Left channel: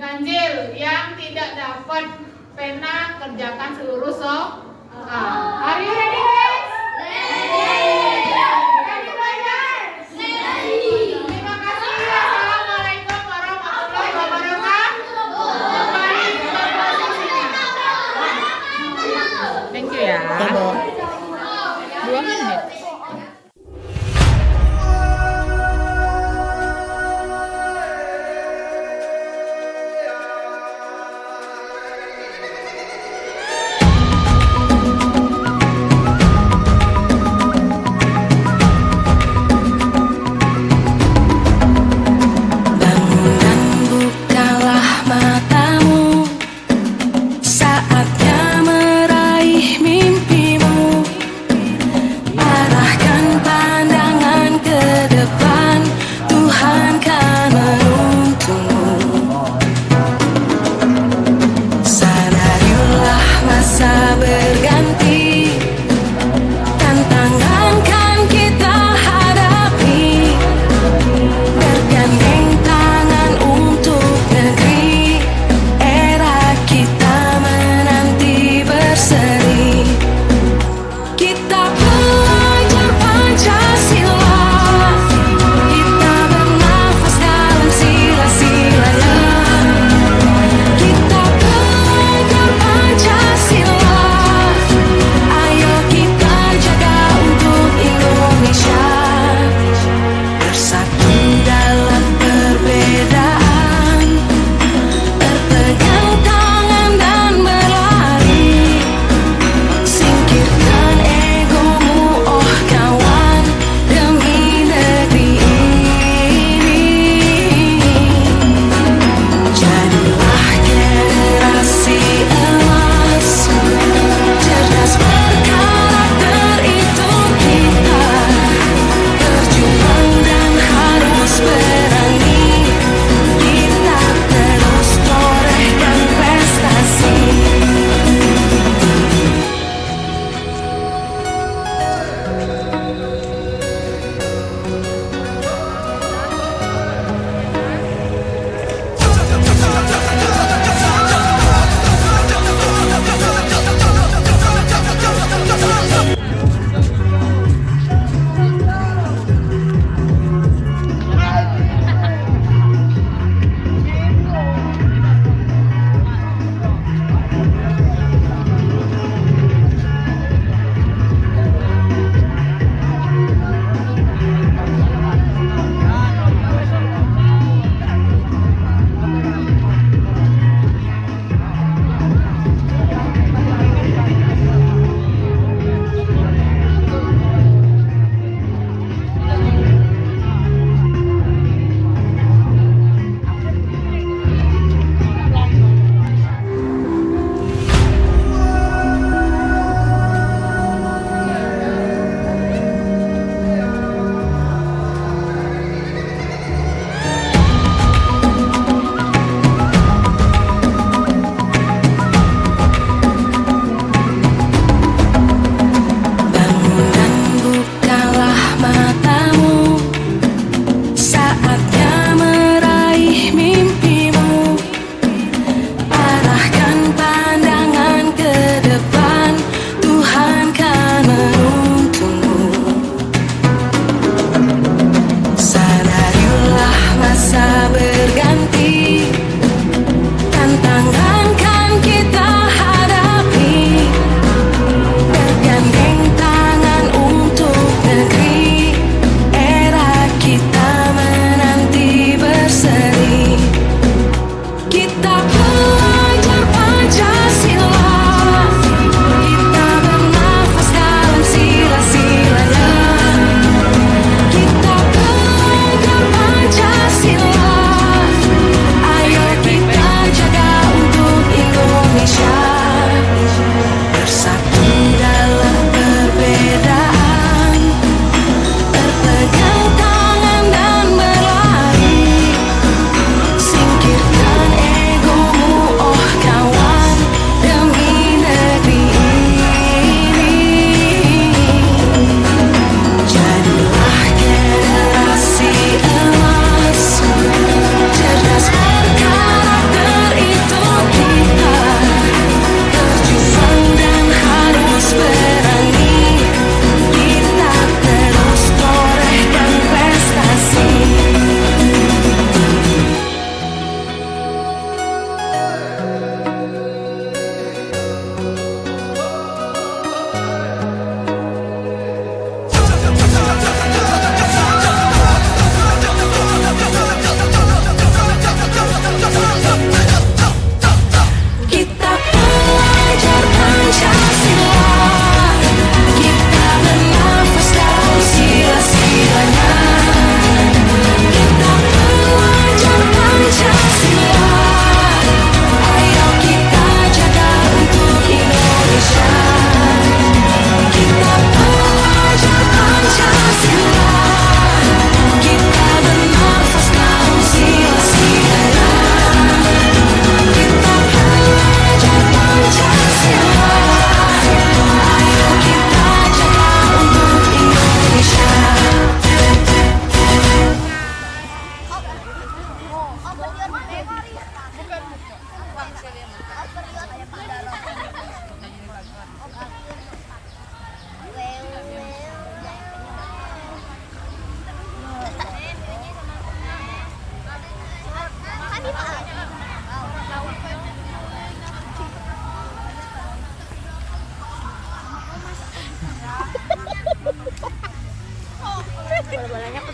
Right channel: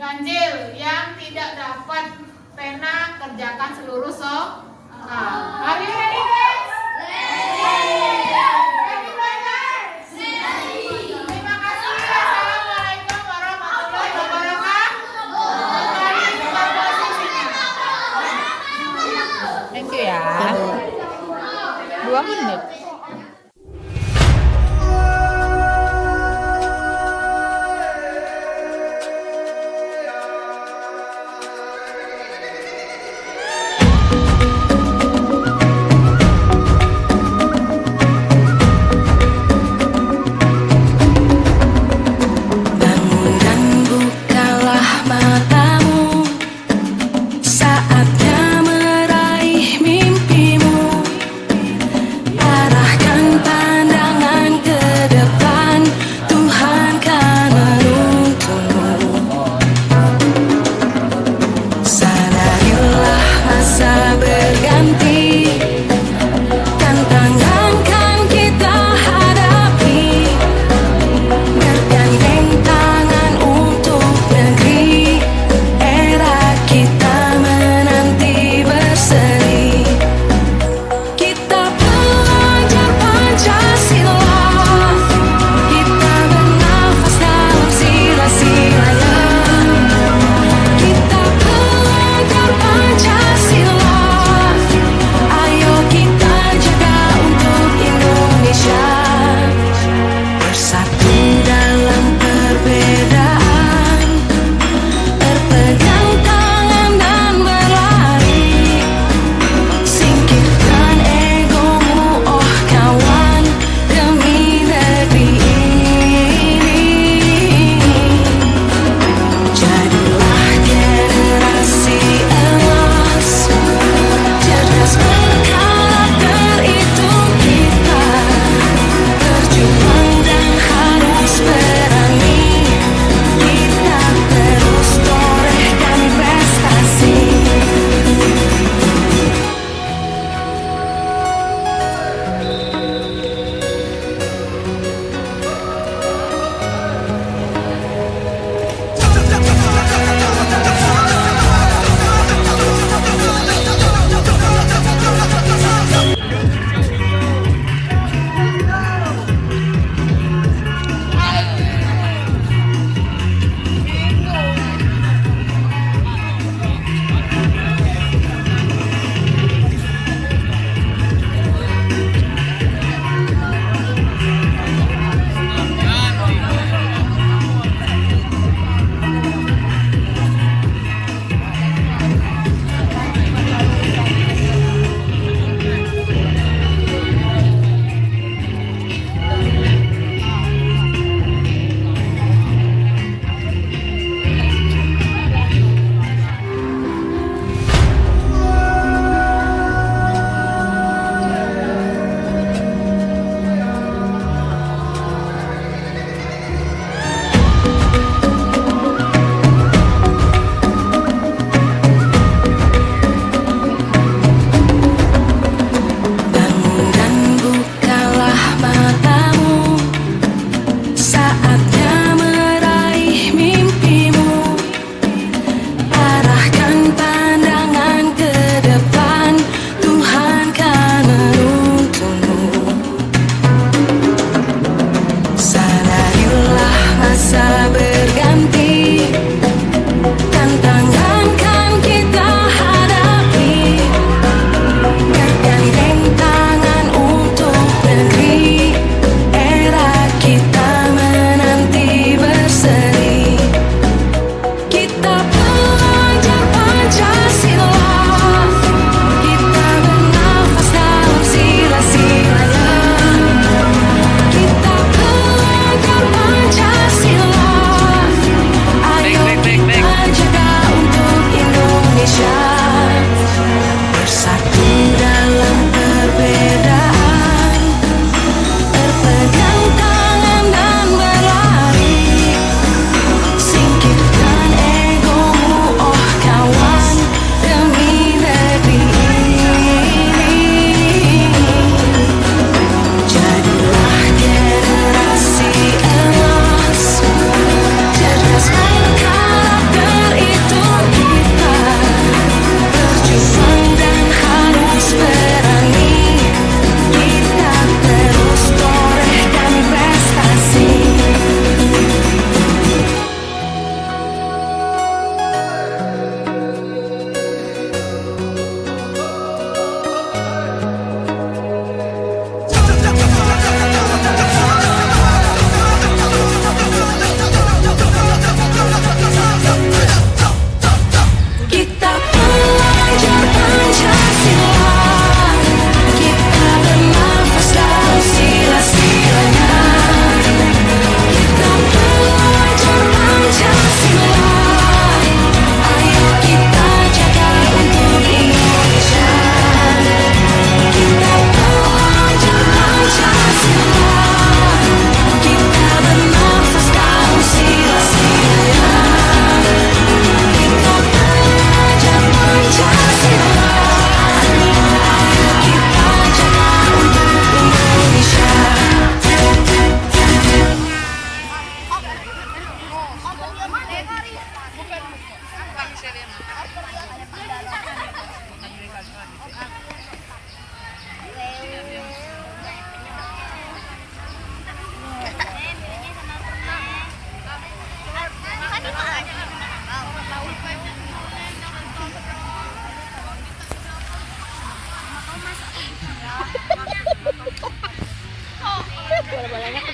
Ganjil yang tidak dapat pena kerjakan seluruh soal. Are you ready guys? Ready guys? Terima kasih. Assalamualaikum warahmatullahi wabarakatuh. Kembali ke posisinya. Thank you ya. 2 menit.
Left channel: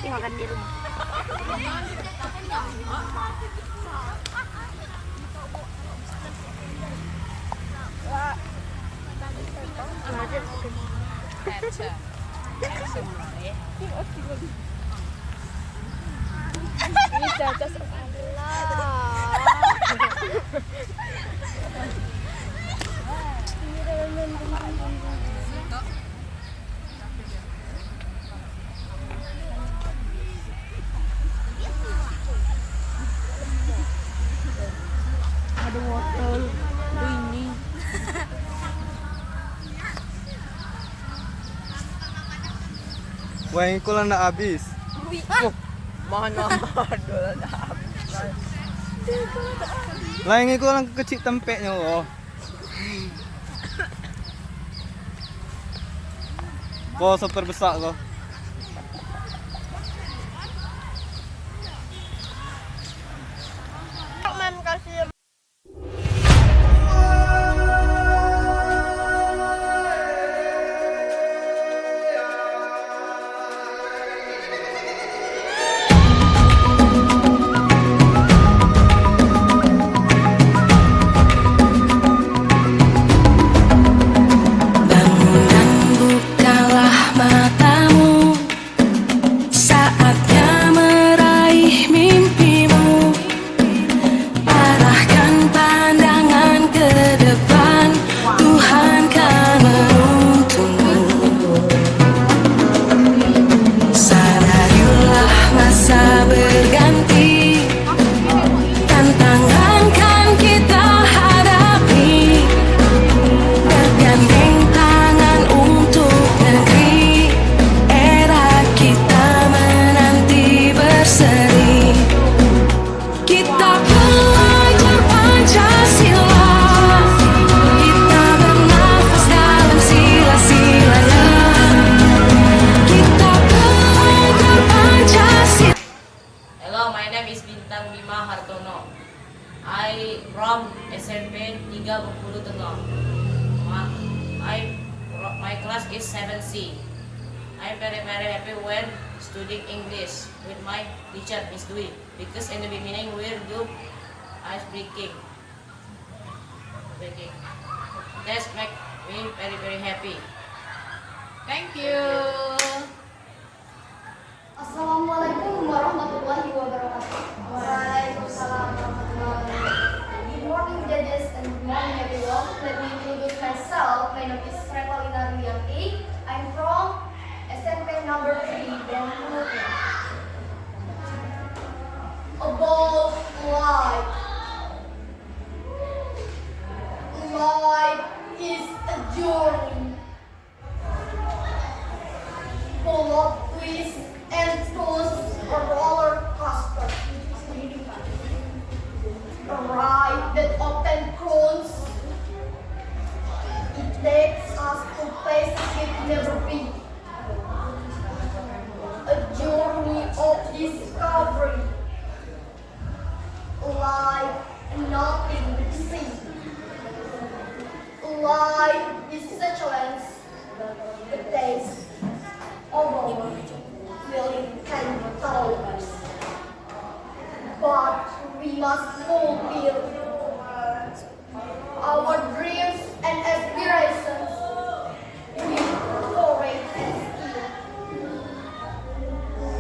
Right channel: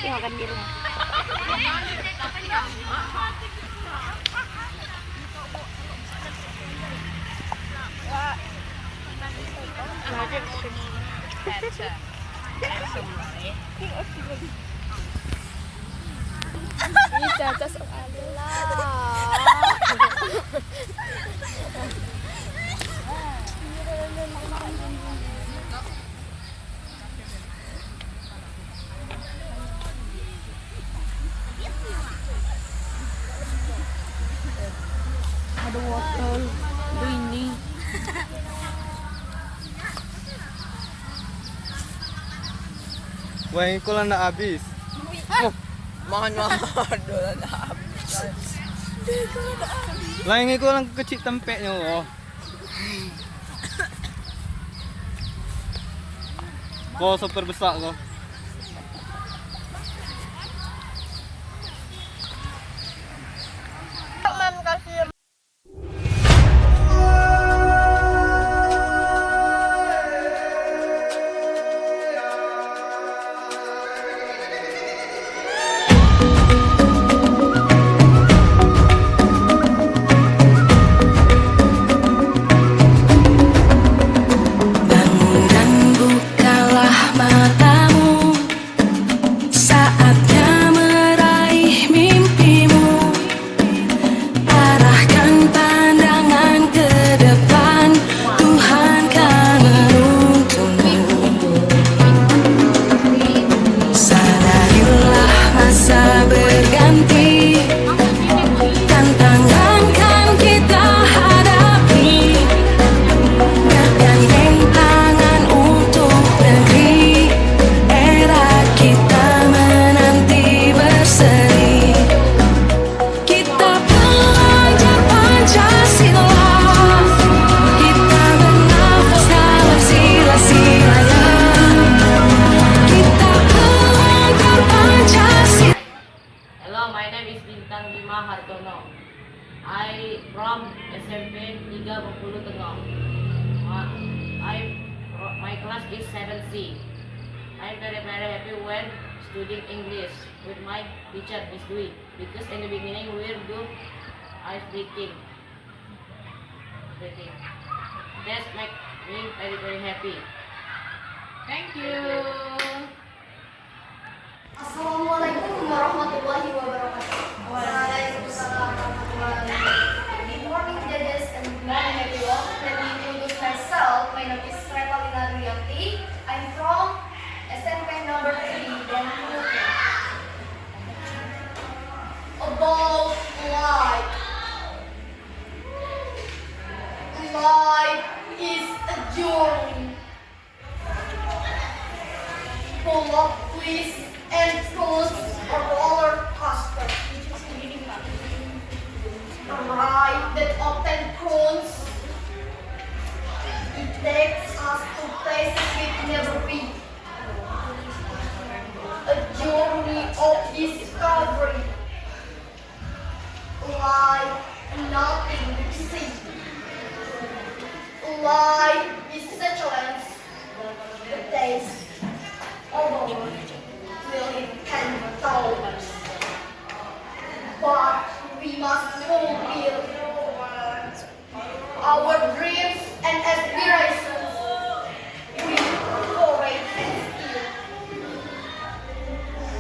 nanti makan di rumah. Ini caca ada wortel ini. Wah, ini kok nak habis. Oh, mana dola na habis. Lah ini kok lang kecil tempeknya oh. Kok super besar kok. I from SMP 3 Bengkulu Tengah. My class is 7C. I'm very happy when studying English with my teacher Miss Dwi because in the beginning we'll do ice breaking. That's make me very happy. Thank you. Assalamualaikum warahmatullahi wabarakatuh. Waalaikumsalam warahmatullahi wabarakatuh. Good morning, judges, and good morning, everyone. Let me introduce myself. My name is Revalina Rianti. I'm from SMP number 3, Bengkulu. About life. Life is a journey full of twists and turns, a roller coaster. A ride that often crowns. It takes us to places we've never been. A journey of discovery. Life nothing to see. Life is such a lens. The taste of a will it can told. But we must fulfill our dreams and aspirations with courage and skill.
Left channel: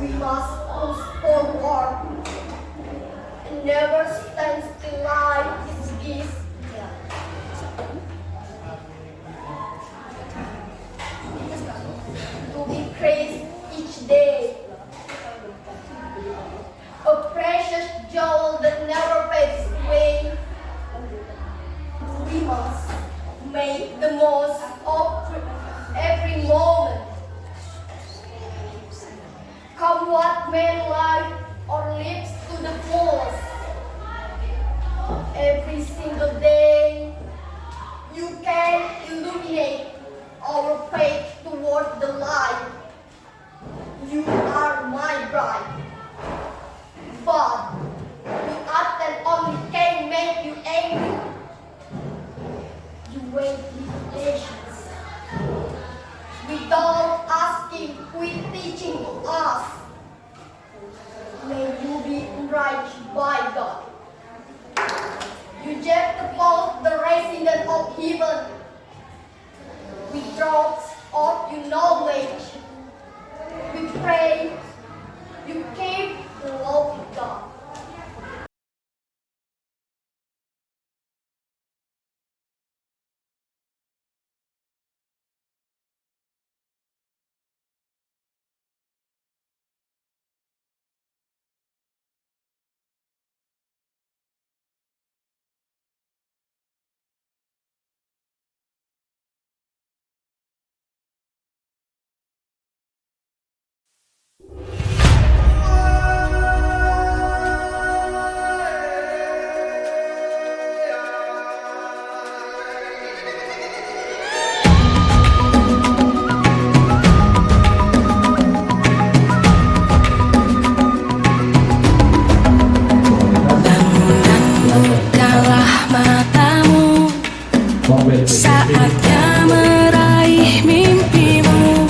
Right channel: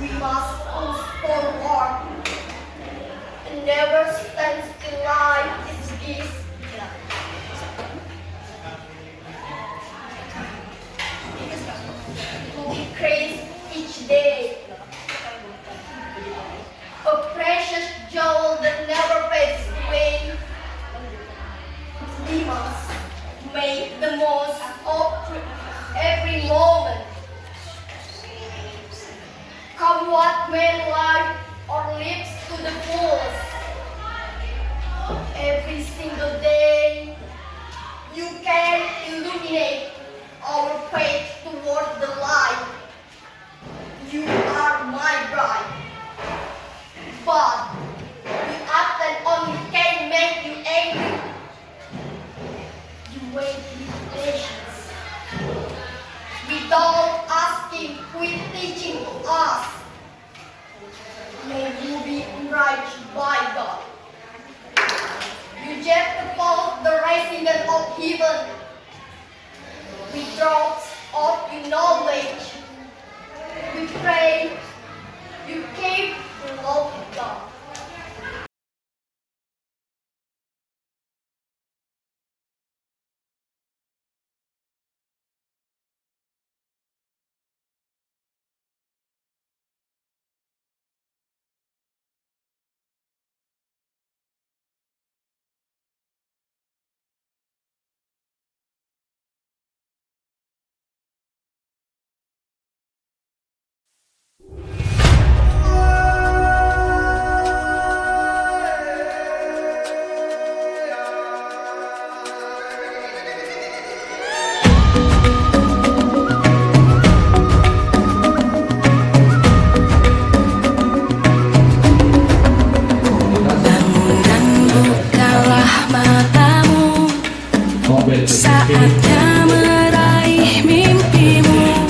We must push forward and never stand still. Life is gift. To increase each day. A precious jewel that never fades away. We must make the most of every moment. Come what may, life our lips to the fullest. Every single day, you can illuminate our faith toward the light. You are my bride. But we often only can make you angry. You wait with patience. Without asking, quit teaching us. reject the call of the rising God of heaven. With droughts of your knowledge, we pray you came to love God. Bukalah matamu, saatnya meraih mimpimu.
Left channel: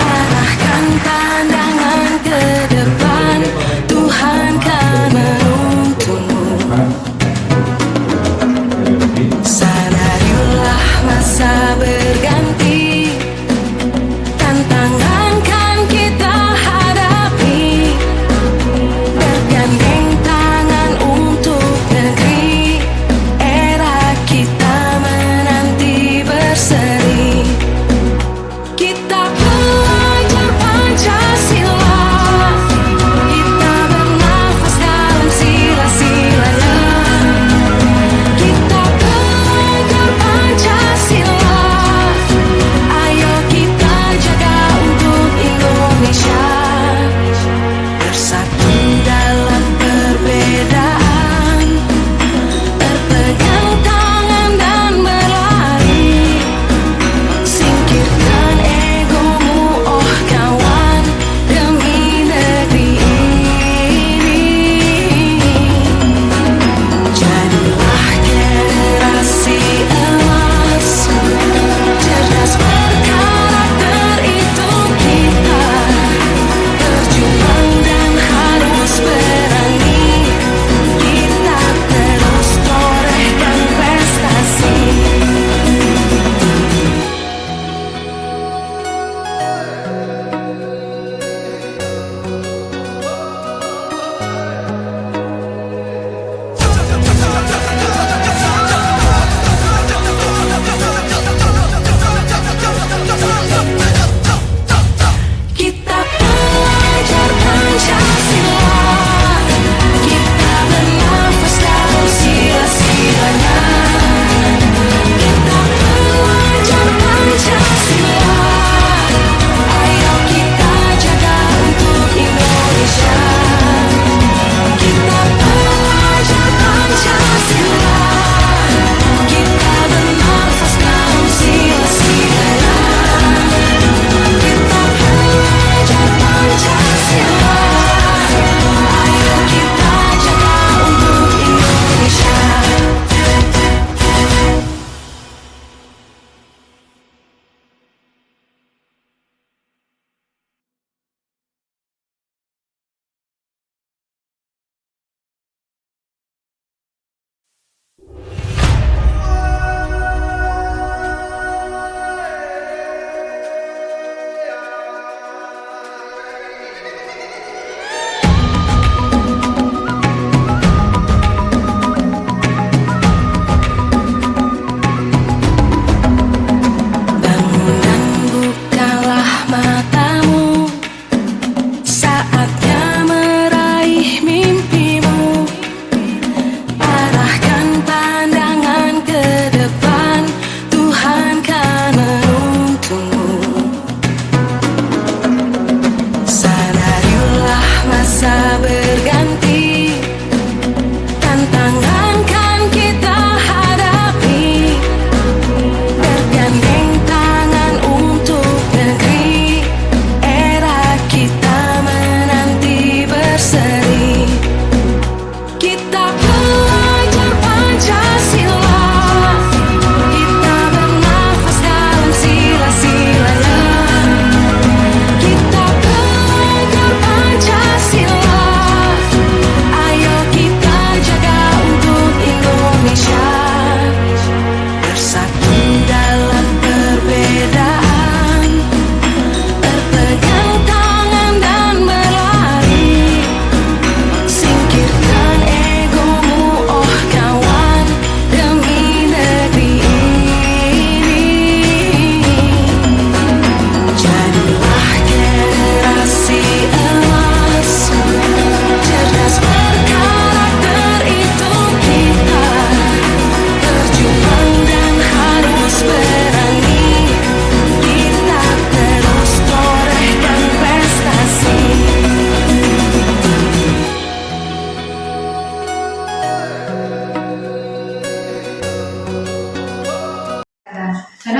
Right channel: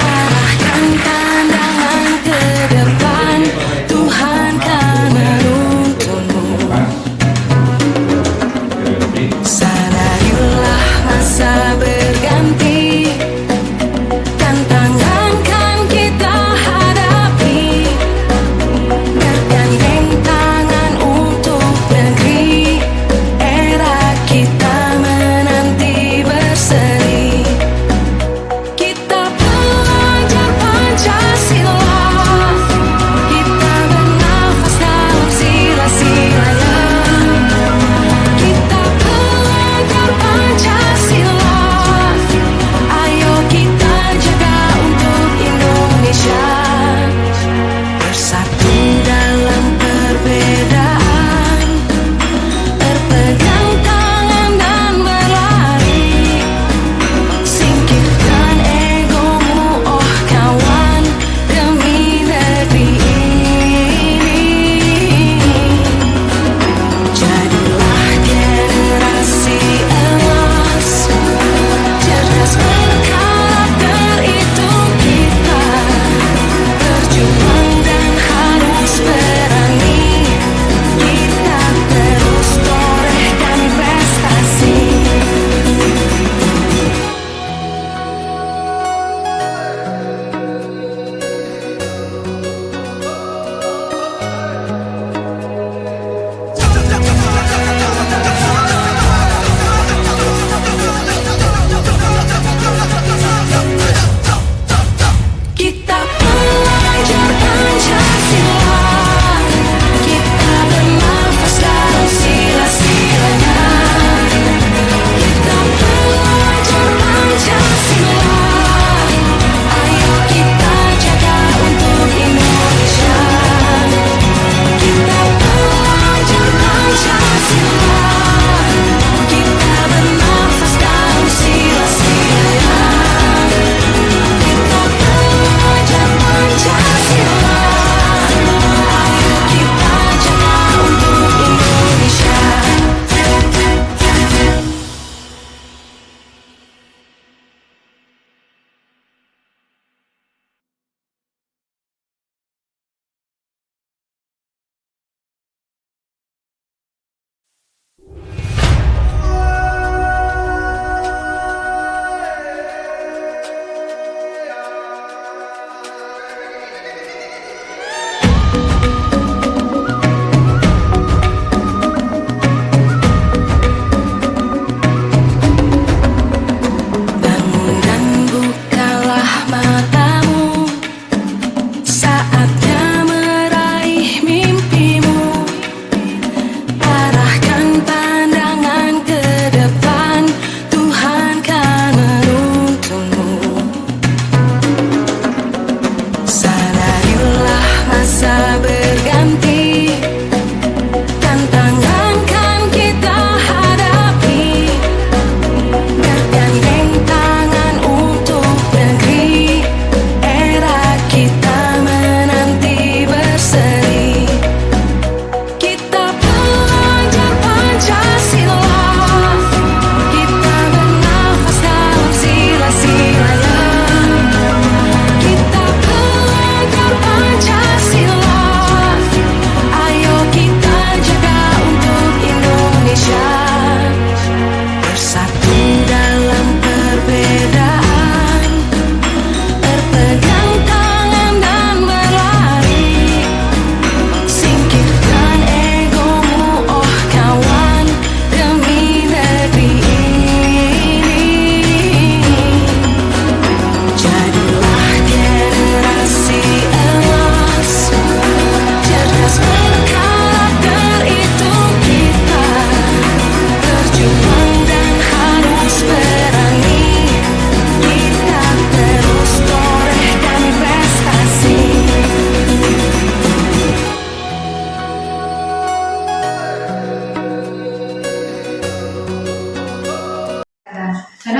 Arahkan pandangan ke depan, Tuhan kan menuntunmu. Sadarilah masa berganti, tantangan kan kita hadapi. Bergandeng tangan untuk negeri, era kita menanti.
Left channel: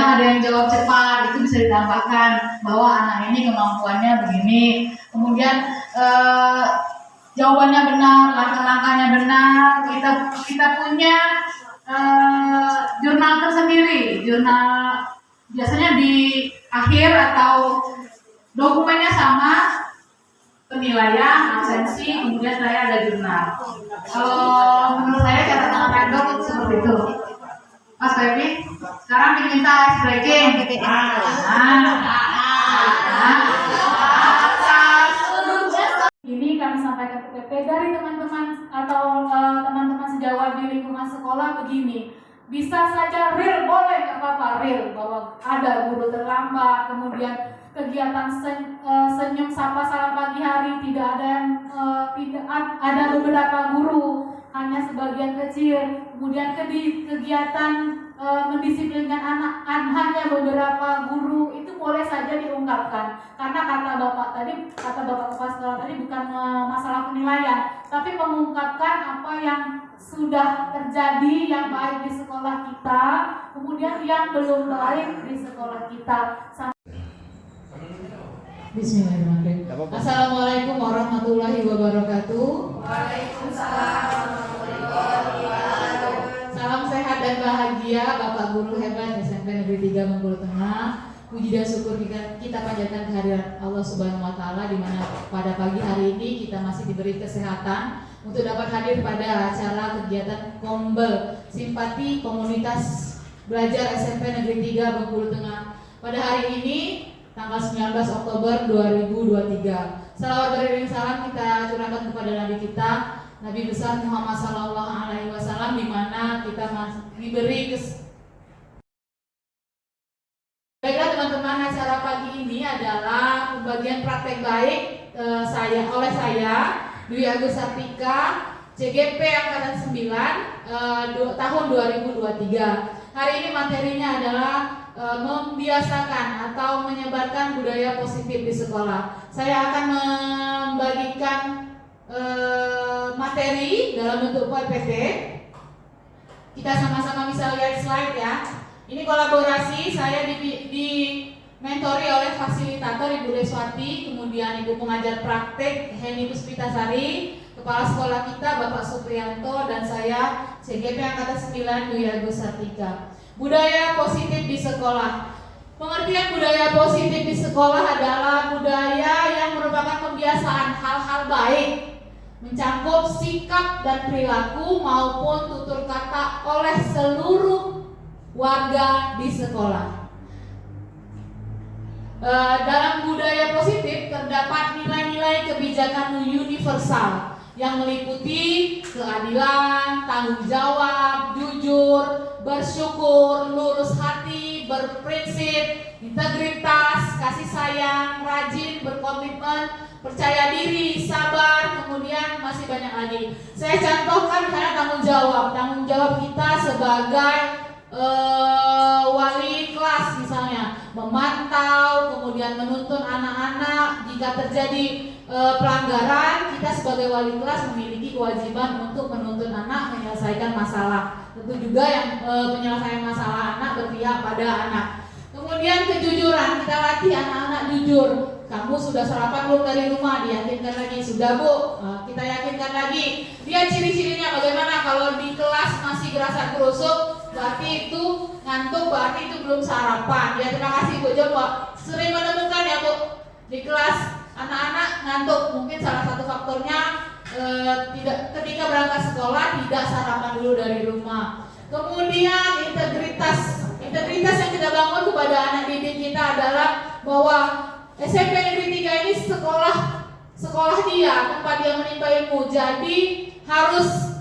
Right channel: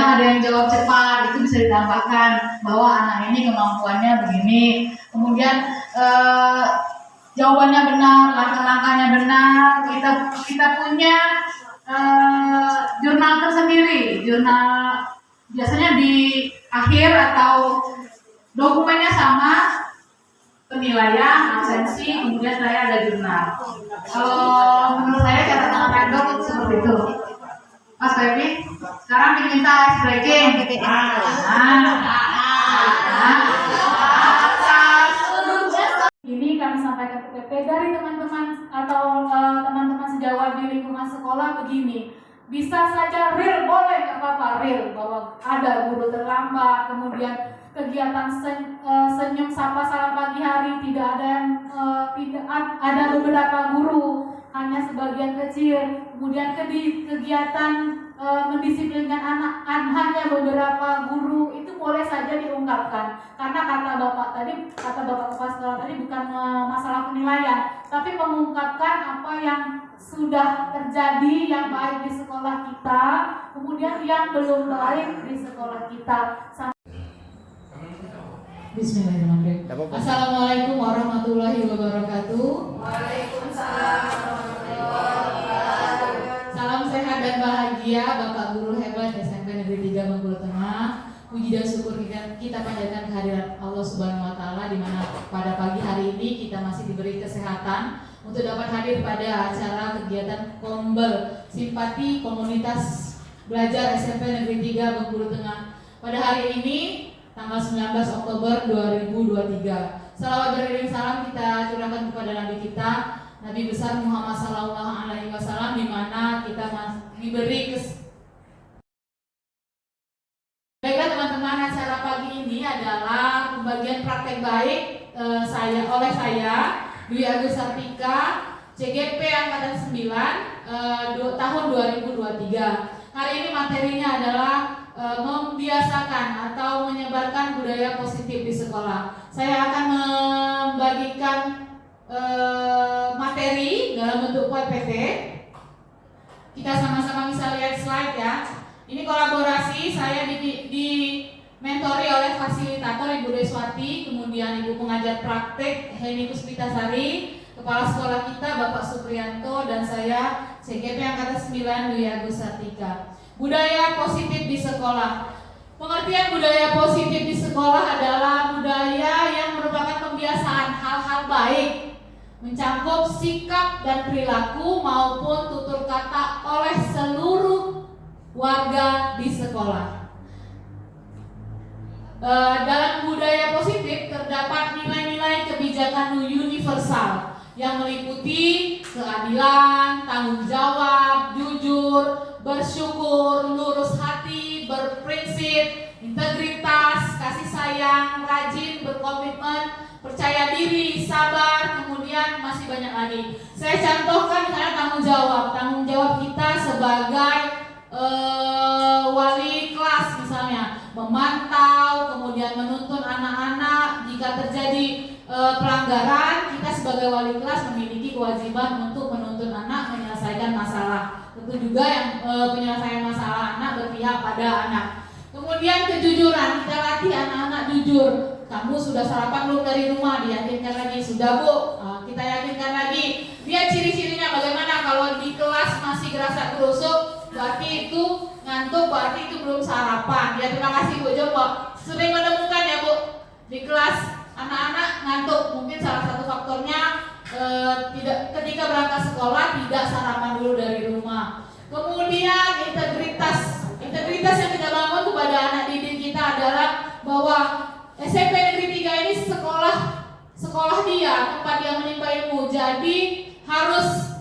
kadang ada yang jawab cepat, itu bisa ditambahkan bahwa anak ini kemampuannya begini. Kemudian jawabannya benar, langkah-langkahnya benar. Kita punya jurnal tersendiri, jurnal biasanya di akhir atau dokumennya sama, penilaian, absensi, kemudian saya ada jurnal. Kalau menurut saya catatan random itu seperti itu. Mas Baby, sekarang diminta ice breaking. Ini kami sampaikan ke PP dari teman-teman atau teman-teman sejawat di lingkungan sekolah begini. Bisa saja real, boleh nggak apa-apa real bahwa ada guru terlambat, kemudian kegiatan senyum sapa salam pagi hari tidak ada yang tidak ada beberapa guru, hanya sebagian kecil. Kemudian kegiatan mendisiplinkan anak hanya beberapa guru, itu boleh saja diungkapkan. Karena kata bapak kepala sekolah tadi bukan masalah penilaian, tapi mengungkapkan apa yang sudah terjadi yang baik di sekolah kita, kemudian yang belum baik di sekolah kita. Bismillahirrahmanirrahim. Assalamualaikum warahmatullahi wabarakatuh. Waalaikumsalam warahmatullahi wabarakatuh. Salam sehat dan bahagia Bapak Guru hebat SMP Negeri 3 Bengkulu Tengah. Puji dan syukur kita panjatkan kehadiran Allah Subhanahu wa taala, di mana pada pagi hari ini kita masih diberi kesehatan untuk dapat hadir pada acara kegiatan Kombel Simpati Komunitas Belajar SMP Negeri 3 Bengkulu Tengah. Pada hari ini tanggal 19 Oktober 2023. Salawat beriring salam kita curahkan kepada Nabi kita, Nabi besar Muhammad SAW, di mana kita diberi Baiklah teman-teman, acara pagi ini adalah pembagian praktek baik oleh saya Dwi Agus Sartika, CGP Angkatan 9 tahun 2023. Hari ini materinya adalah membiasakan atau menyebarkan budaya positif di sekolah. Saya akan membagikan materi dalam bentuk PPT. Kita sama-sama bisa lihat slide ya. Ini kolaborasi, saya dimentori oleh fasilitator Ibu Deswati, kemudian Ibu pengajar praktek Heni Puspitasari, kepala sekolah kita Bapak Supriyanto, dan saya CGP Angkatan 9 Dwi Agus Sartika. Budaya positif di sekolah. Pengertian budaya positif di sekolah adalah budaya yang merupakan pembiasaan hal-hal baik, mencakup sikap dan perilaku maupun tutur kata oleh seluruh warga di sekolah. Dalam budaya positif terdapat nilai-nilai kebijakan universal yang meliputi keadilan, tanggung jawab, jujur, bersyukur, lurus hati, berprinsip, integritas, kasih sayang, rajin, berkomitmen, percaya diri, sabar, kemudian masih banyak lagi. Saya contohkan misalnya tanggung jawab kita sebagai wali kelas, misalnya memantau, kemudian menuntun anak-anak. Jika terjadi pelanggaran, kita sebagai wali kelas memiliki kewajiban untuk menuntun anak menyelesaikan masalah. Tentu juga yang penyelesaian masalah anak berpihak pada anak. Kemudian kejujuran, kita latih anak-anak jujur. Kamu sudah sarapan belum dari rumah? Diyakinkan lagi. Sudah Bu, kita yakinkan lagi. Lihat ciri-cirinya bagaimana. Kalau di kelas masih gerasa gerusuk, berarti itu ngantuk, berarti itu belum sarapan. Ya, terima kasih Bu. Coba sering menemukan ya Bu, di kelas anak-anak ngantuk. Mungkin salah satu faktornya ketika berangkat sekolah tidak sarapan dulu dari rumah. Kemudian integritas yang kita bangun kepada anak didik kita adalah bahwa SMP Negeri 3 ini sekolah dia, tempat dia menimba ilmu. Jadi harus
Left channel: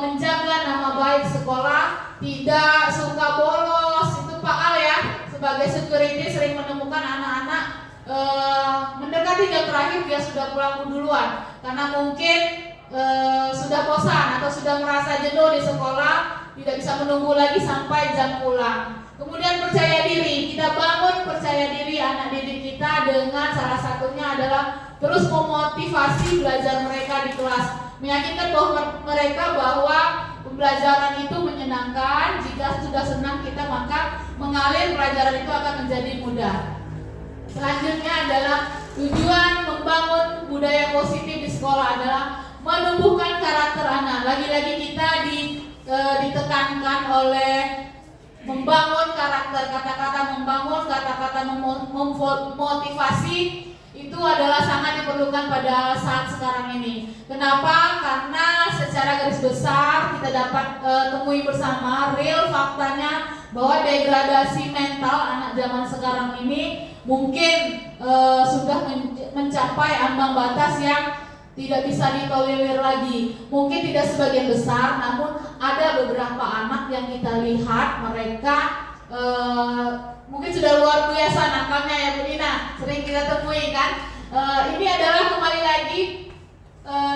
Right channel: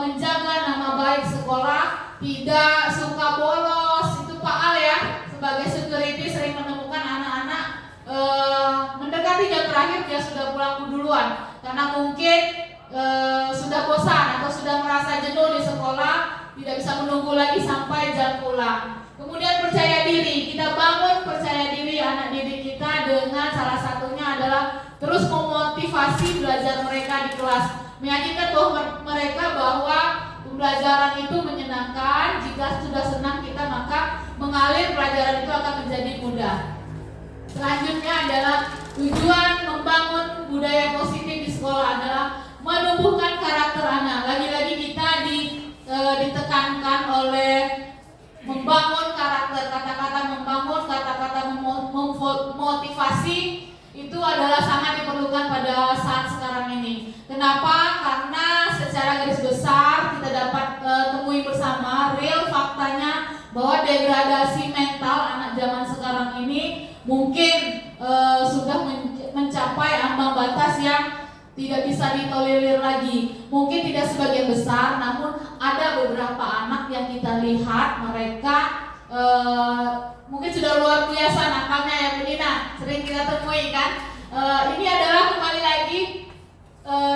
menjaga nama baik sekolah, tidak suka bolos. Itu Pak Al ya, sebagai security sering menemukan anak-anak mendekati jam terakhir dia sudah pulang duluan, karena mungkin sudah bosan atau sudah merasa jenuh di sekolah, tidak bisa menunggu lagi sampai jam pulang. Kemudian percaya diri, kita bangun percaya diri anak didik kita dengan salah satunya adalah terus memotivasi belajar mereka di kelas, meyakinkan mereka bahwa pembelajaran itu menyenangkan. Jika sudah senang kita, maka mengalir, pelajaran itu akan menjadi mudah. Selanjutnya adalah tujuan membangun budaya positif di sekolah adalah menumbuhkan karakter anak. Lagi-lagi kita ditekankan oleh membangun karakter, kata-kata membangun, kata-kata memotivasi itu adalah sangat diperlukan pada saat sekarang ini. Kenapa? Karena secara garis besar kita dapat temui bersama real faktanya bahwa degradasi mental anak zaman sekarang ini mungkin sudah mencapai ambang batas yang tidak bisa ditolerir lagi. Mungkin tidak sebagian besar, namun ada beberapa anak yang kita lihat mereka mungkin sudah luar biasa nakalnya ya Bu Dina, sering kita temui kan. Ini adalah kembali lagi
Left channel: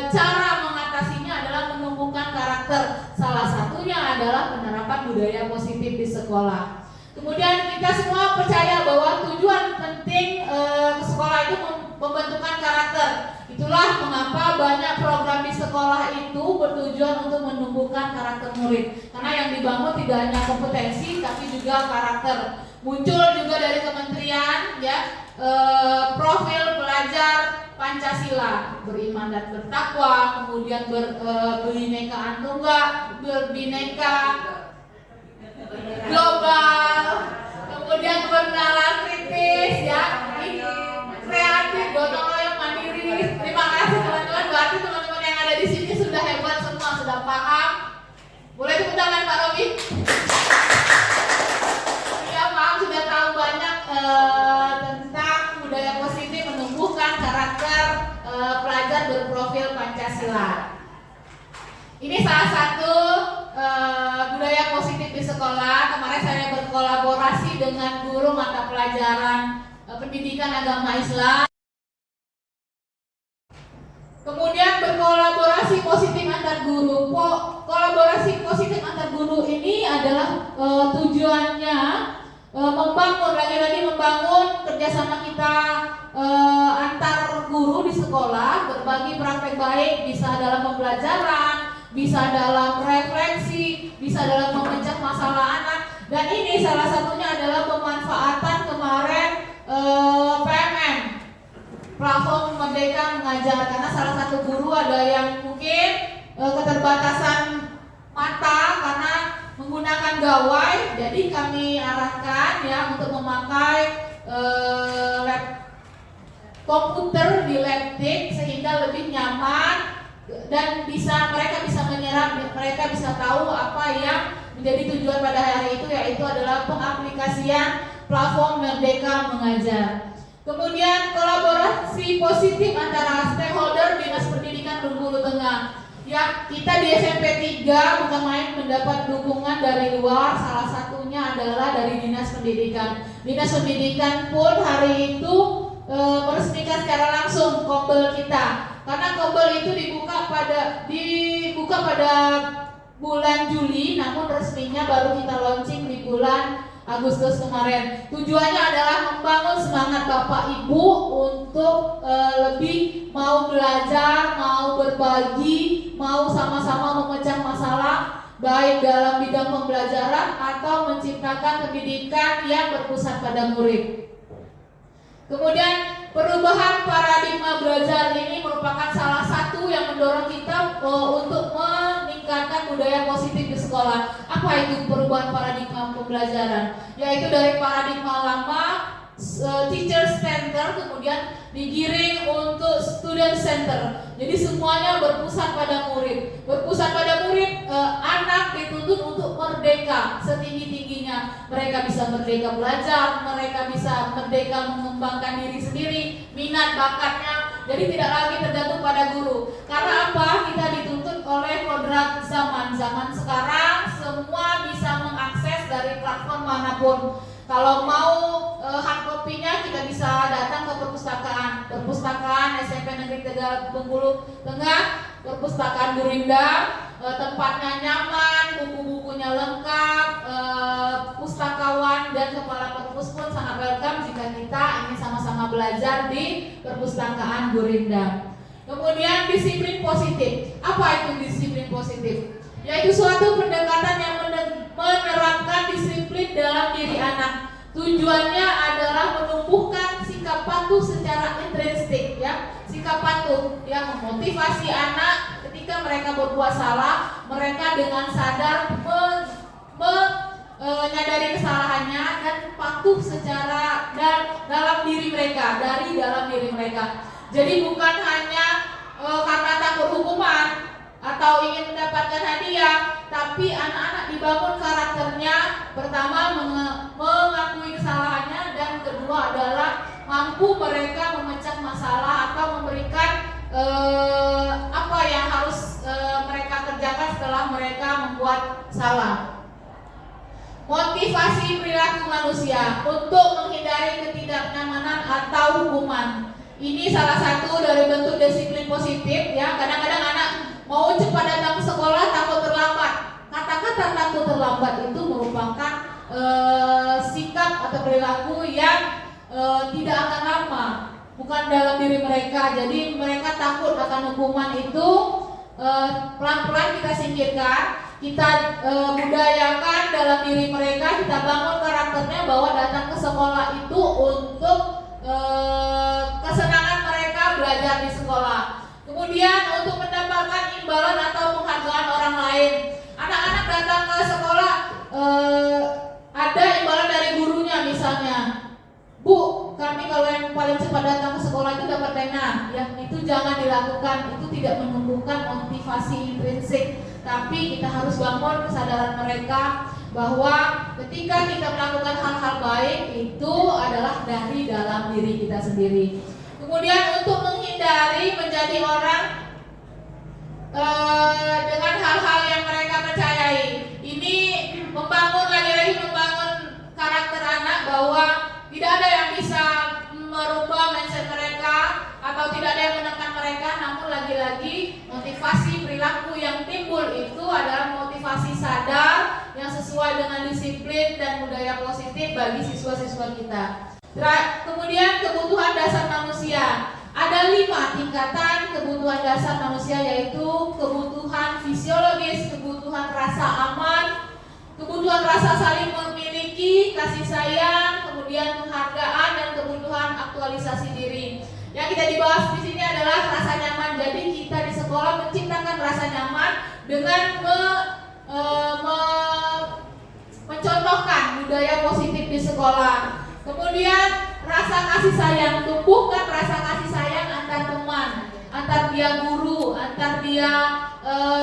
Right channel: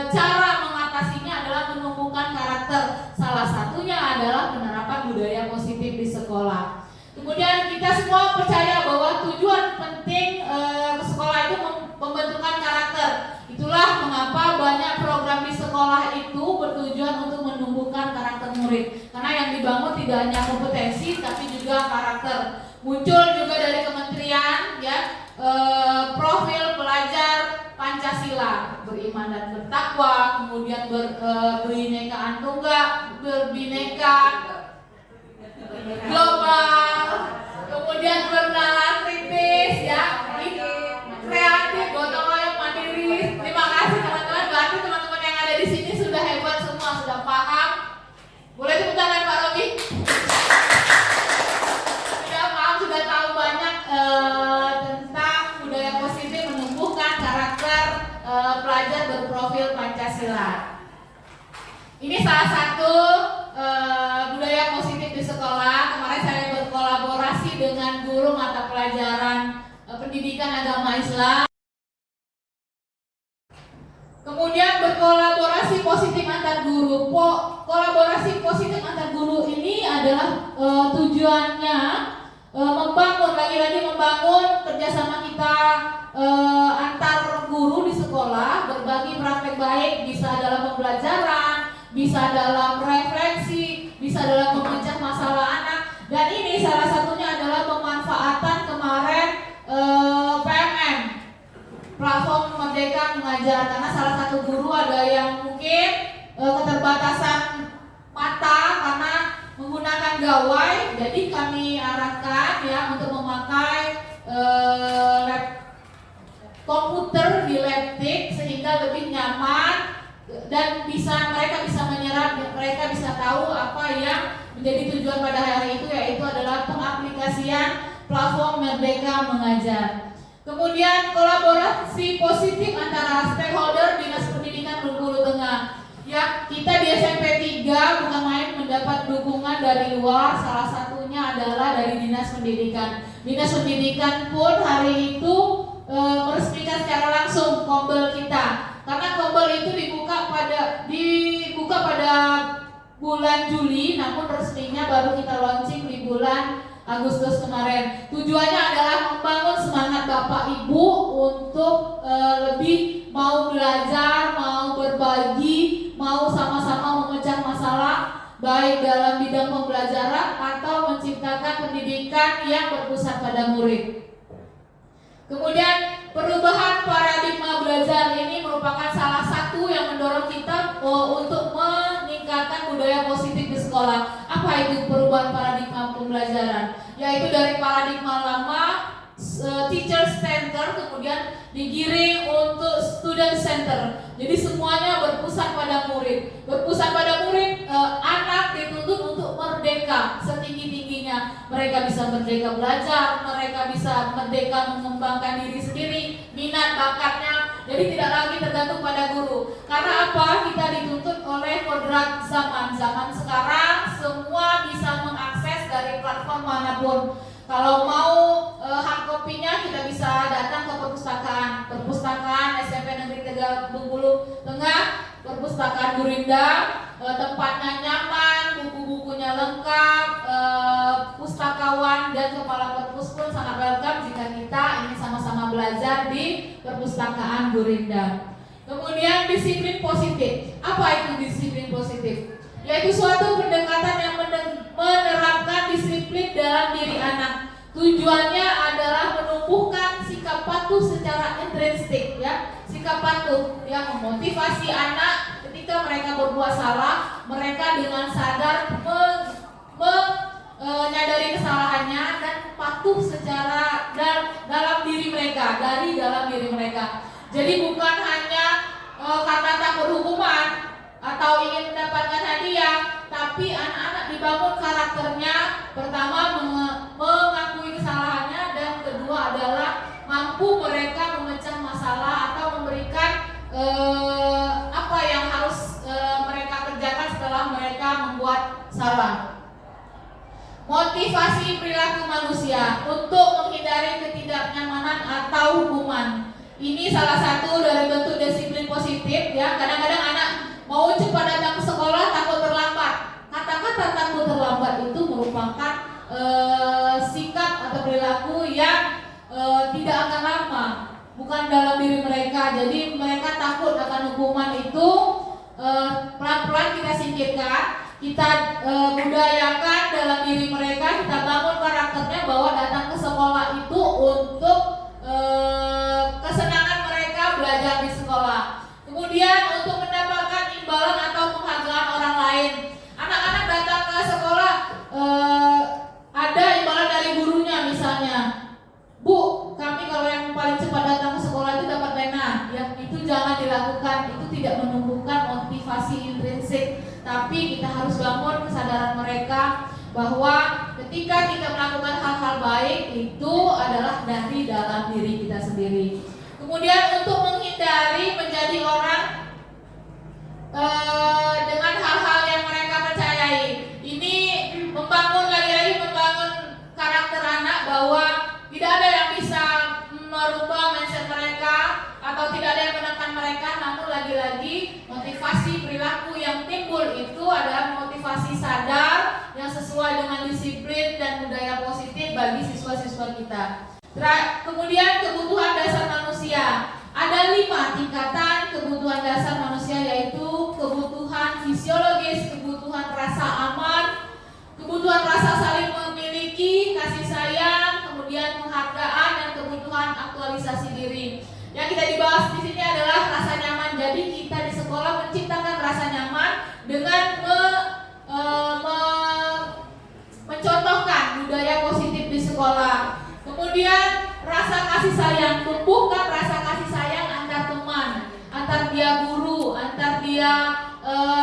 cara mengatasinya adalah menumbuhkan karakter. Salah satunya adalah penerapan budaya positif di sekolah. Kemudian kita semua percaya bahwa tujuan penting ke sekolah itu pembentukan karakter. Itulah mengapa banyak program di sekolah itu bertujuan untuk menumbuhkan karakter murid. Karena yang dibangun tidak hanya kompetensi tapi juga karakter. Muncul juga dari kementerian ya, profil pelajar Pancasila, beriman dan bertakwa, kemudian berbinekaan tunggal, berbineka global, kemudian bernalar kritis ya, kreatif, gotong royong, mandiri. Terima kasih teman-teman, berarti teman-teman yang ada di sini sudah hebat semua, sudah paham. Boleh tepuk tangan Pak Robi. Sudah paham, sudah tahu banyak tentang budaya positif menumbuhkan karakter pelajar berprofil Pancasila. Ini salah satu budaya positif di sekolah. Kemarin saya berkolaborasi dengan guru mata pelajaran pendidikan agama Islam. Kemudian berkolaborasi positif antar guru. Kolaborasi positif antar guru ini adalah tujuannya membangun, lagi-lagi membangun kerjasama kita antar guru di sekolah, berbagi praktek baik, bisa dalam pembelajaran, bisa dalam refleksi, bisa dalam memecah masalah anak. Dan ini salah satunya adalah pemanfaatan kemarin PMM, platform Merdeka Mengajar. Karena salah satu guru ada yang mungkin keterbatasan mata karena menggunakan gawai, jadi kami arahkan ya untuk memakai lab komputer di laptop sehingga lebih nyaman dan mereka bisa menyerap, mereka bisa tahu apa yang menjadi tujuan pada hari itu, yaitu adalah pengaplikasian platform Merdeka Mengajar. Kemudian kolaborasi positif antara stakeholder Dinas Pendidikan Bengkulu Tengah. Ya, kita di SMP 3 bukan main mendapat dukungan dari luar, salah satunya adalah dari Dinas Pendidikan. Dinas Pendidikan pun hari itu meresmikan secara langsung kombel kita. Karena kombel itu dibuka pada bulan Juli, namun resminya baru kita launching di bulan Agustus kemarin. Tujuannya adalah membangun semangat Bapak Ibu untuk lebih mau belajar, mau berbagi, mau sama-sama memecah masalah baik dalam bidang pembelajaran atau menciptakan pendidikan yang berpusat pada murid. Kemudian perubahan paradigma belajar ini merupakan salah satu yang mendorong kita untuk meningkatkan budaya positif di sekolah. Apa itu perubahan paradigma pembelajaran? Yaitu dari paradigma lama teacher center kemudian digiring untuk student center. Jadi semuanya berpusat pada murid. Berpusat pada murid, anak dituntut untuk merdeka setinggi-tingginya. Mereka bisa merdeka belajar, mereka bisa merdeka mengembangkan diri sendiri, minat bakatnya. Jadi tidak lagi tergantung pada guru. Karena apa? Kita dituntut oleh kodrat zaman. Zaman sekarang semua bisa mengakses dari platform manapun. Kalau mau hard copy-nya kita bisa datang ke perpustakaan SMP Negeri Tegal Bengkulu Tengah, perpustakaan Gurinda, tempatnya nyaman, buku-bukunya lengkap, pustakawan dan kepala perpus pun sangat welcome jika kita ingin sama-sama belajar di perpustakaan Gurinda. Kemudian disiplin positif. Apa itu disiplin positif? Yaitu suatu pendekatan yang menerapkan disiplin disiplin dalam diri anak. Tujuannya adalah menumbuhkan sikap patuh secara intrinsik, ya, sikap patuh yang memotivasi anak ketika mereka berbuat salah, mereka dengan sadar menyadari kesalahannya dan patuh secara dalam diri mereka, dari dalam diri mereka. Jadi bukan hanya karena takut hukuman atau ingin mendapatkan hadiah, tapi anak-anak dibangun karakternya, pertama mengakui kesalahannya, dan kedua adalah mampu mereka memecah masalah atau memberikan apa yang harus mereka kerjakan setelah mereka membuat salah. Motivasi perilaku manusia untuk menghindari ketidaknyamanan atau hukuman. Ini salah satu dari bentuk disiplin positif, ya. Kadang-kadang anak mau cepat datang ke sekolah takut terlambat. Kata-kata takut terlambat itu merupakan sikap atau perilaku yang tidak akan lama, bukan dalam diri mereka. Jadi mereka takut akan hukuman itu, pelan-pelan kita singkirkan, kita budayakan dalam diri mereka, kita bangun karakternya bahwa datang ke sekolah itu untuk kesenangan mereka belajar di sekolah. Kemudian untuk mendapatkan imbalan atau penghargaan orang lain. Anak-anak datang ke sekolah, ada imbalan dari gurunya misalnya. Bu, kami kalau yang paling cepat datang ke sekolah itu dapat pena. Yang itu jangan dilakukan, itu tidak menumbuhkan motivasi intrinsik. Tapi kita harus bangun kesadaran mereka bahwa ketika kita melakukan hal-hal baik itu adalah dari dalam diri kita sendiri. Kemudian untuk menghindari menjadi orang dengan hal-hal yang mereka percayai, ini lagi-lagi membangun karakter anak bahwa tidak ada yang bisa merubah mindset mereka atau tidak ada yang menekan mereka, namun lagi-lagi motivasi perilaku yang timbul itu adalah motivasi sadar yang sesuai dengan disiplin dan budaya positif bagi siswa-siswa kita. Kemudian kebutuhan dasar manusia. Ada 5 tingkatan kebutuhan dasar manusia, yaitu kebutuhan fisiologis, kebutuhan rasa aman, kebutuhan rasa saling memiliki, kasih sayang, kemudian penghargaan, dan kebutuhan aktualisasi diri. Yang kita dibahas di sini adalah rasa nyaman. Jadi kita di sekolah menciptakan rasa nyaman dengan mencontohkan budaya positif di sekolah. Kemudian rasa kasih sayang, tumbuhkan rasa kasih sayang antar teman, antar dia guru, antar dia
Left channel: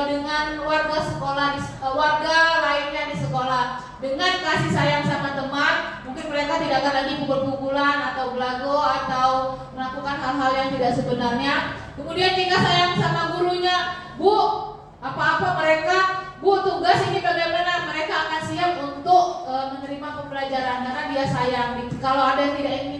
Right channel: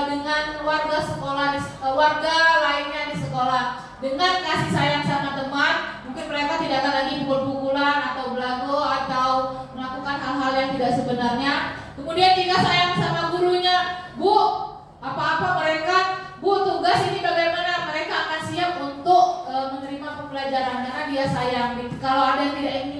dengan warga sekolah, warga lainnya di sekolah. Dengan kasih sayang sama teman, mungkin mereka tidak akan lagi pukul-pukulan atau belago atau melakukan hal-hal yang tidak sebenarnya. Kemudian jika sayang sama gurunya, Bu, apa-apa mereka, Bu, tugas ini bagaimana, mereka akan siap untuk menerima pembelajaran karena dia sayang. Kalau ada yang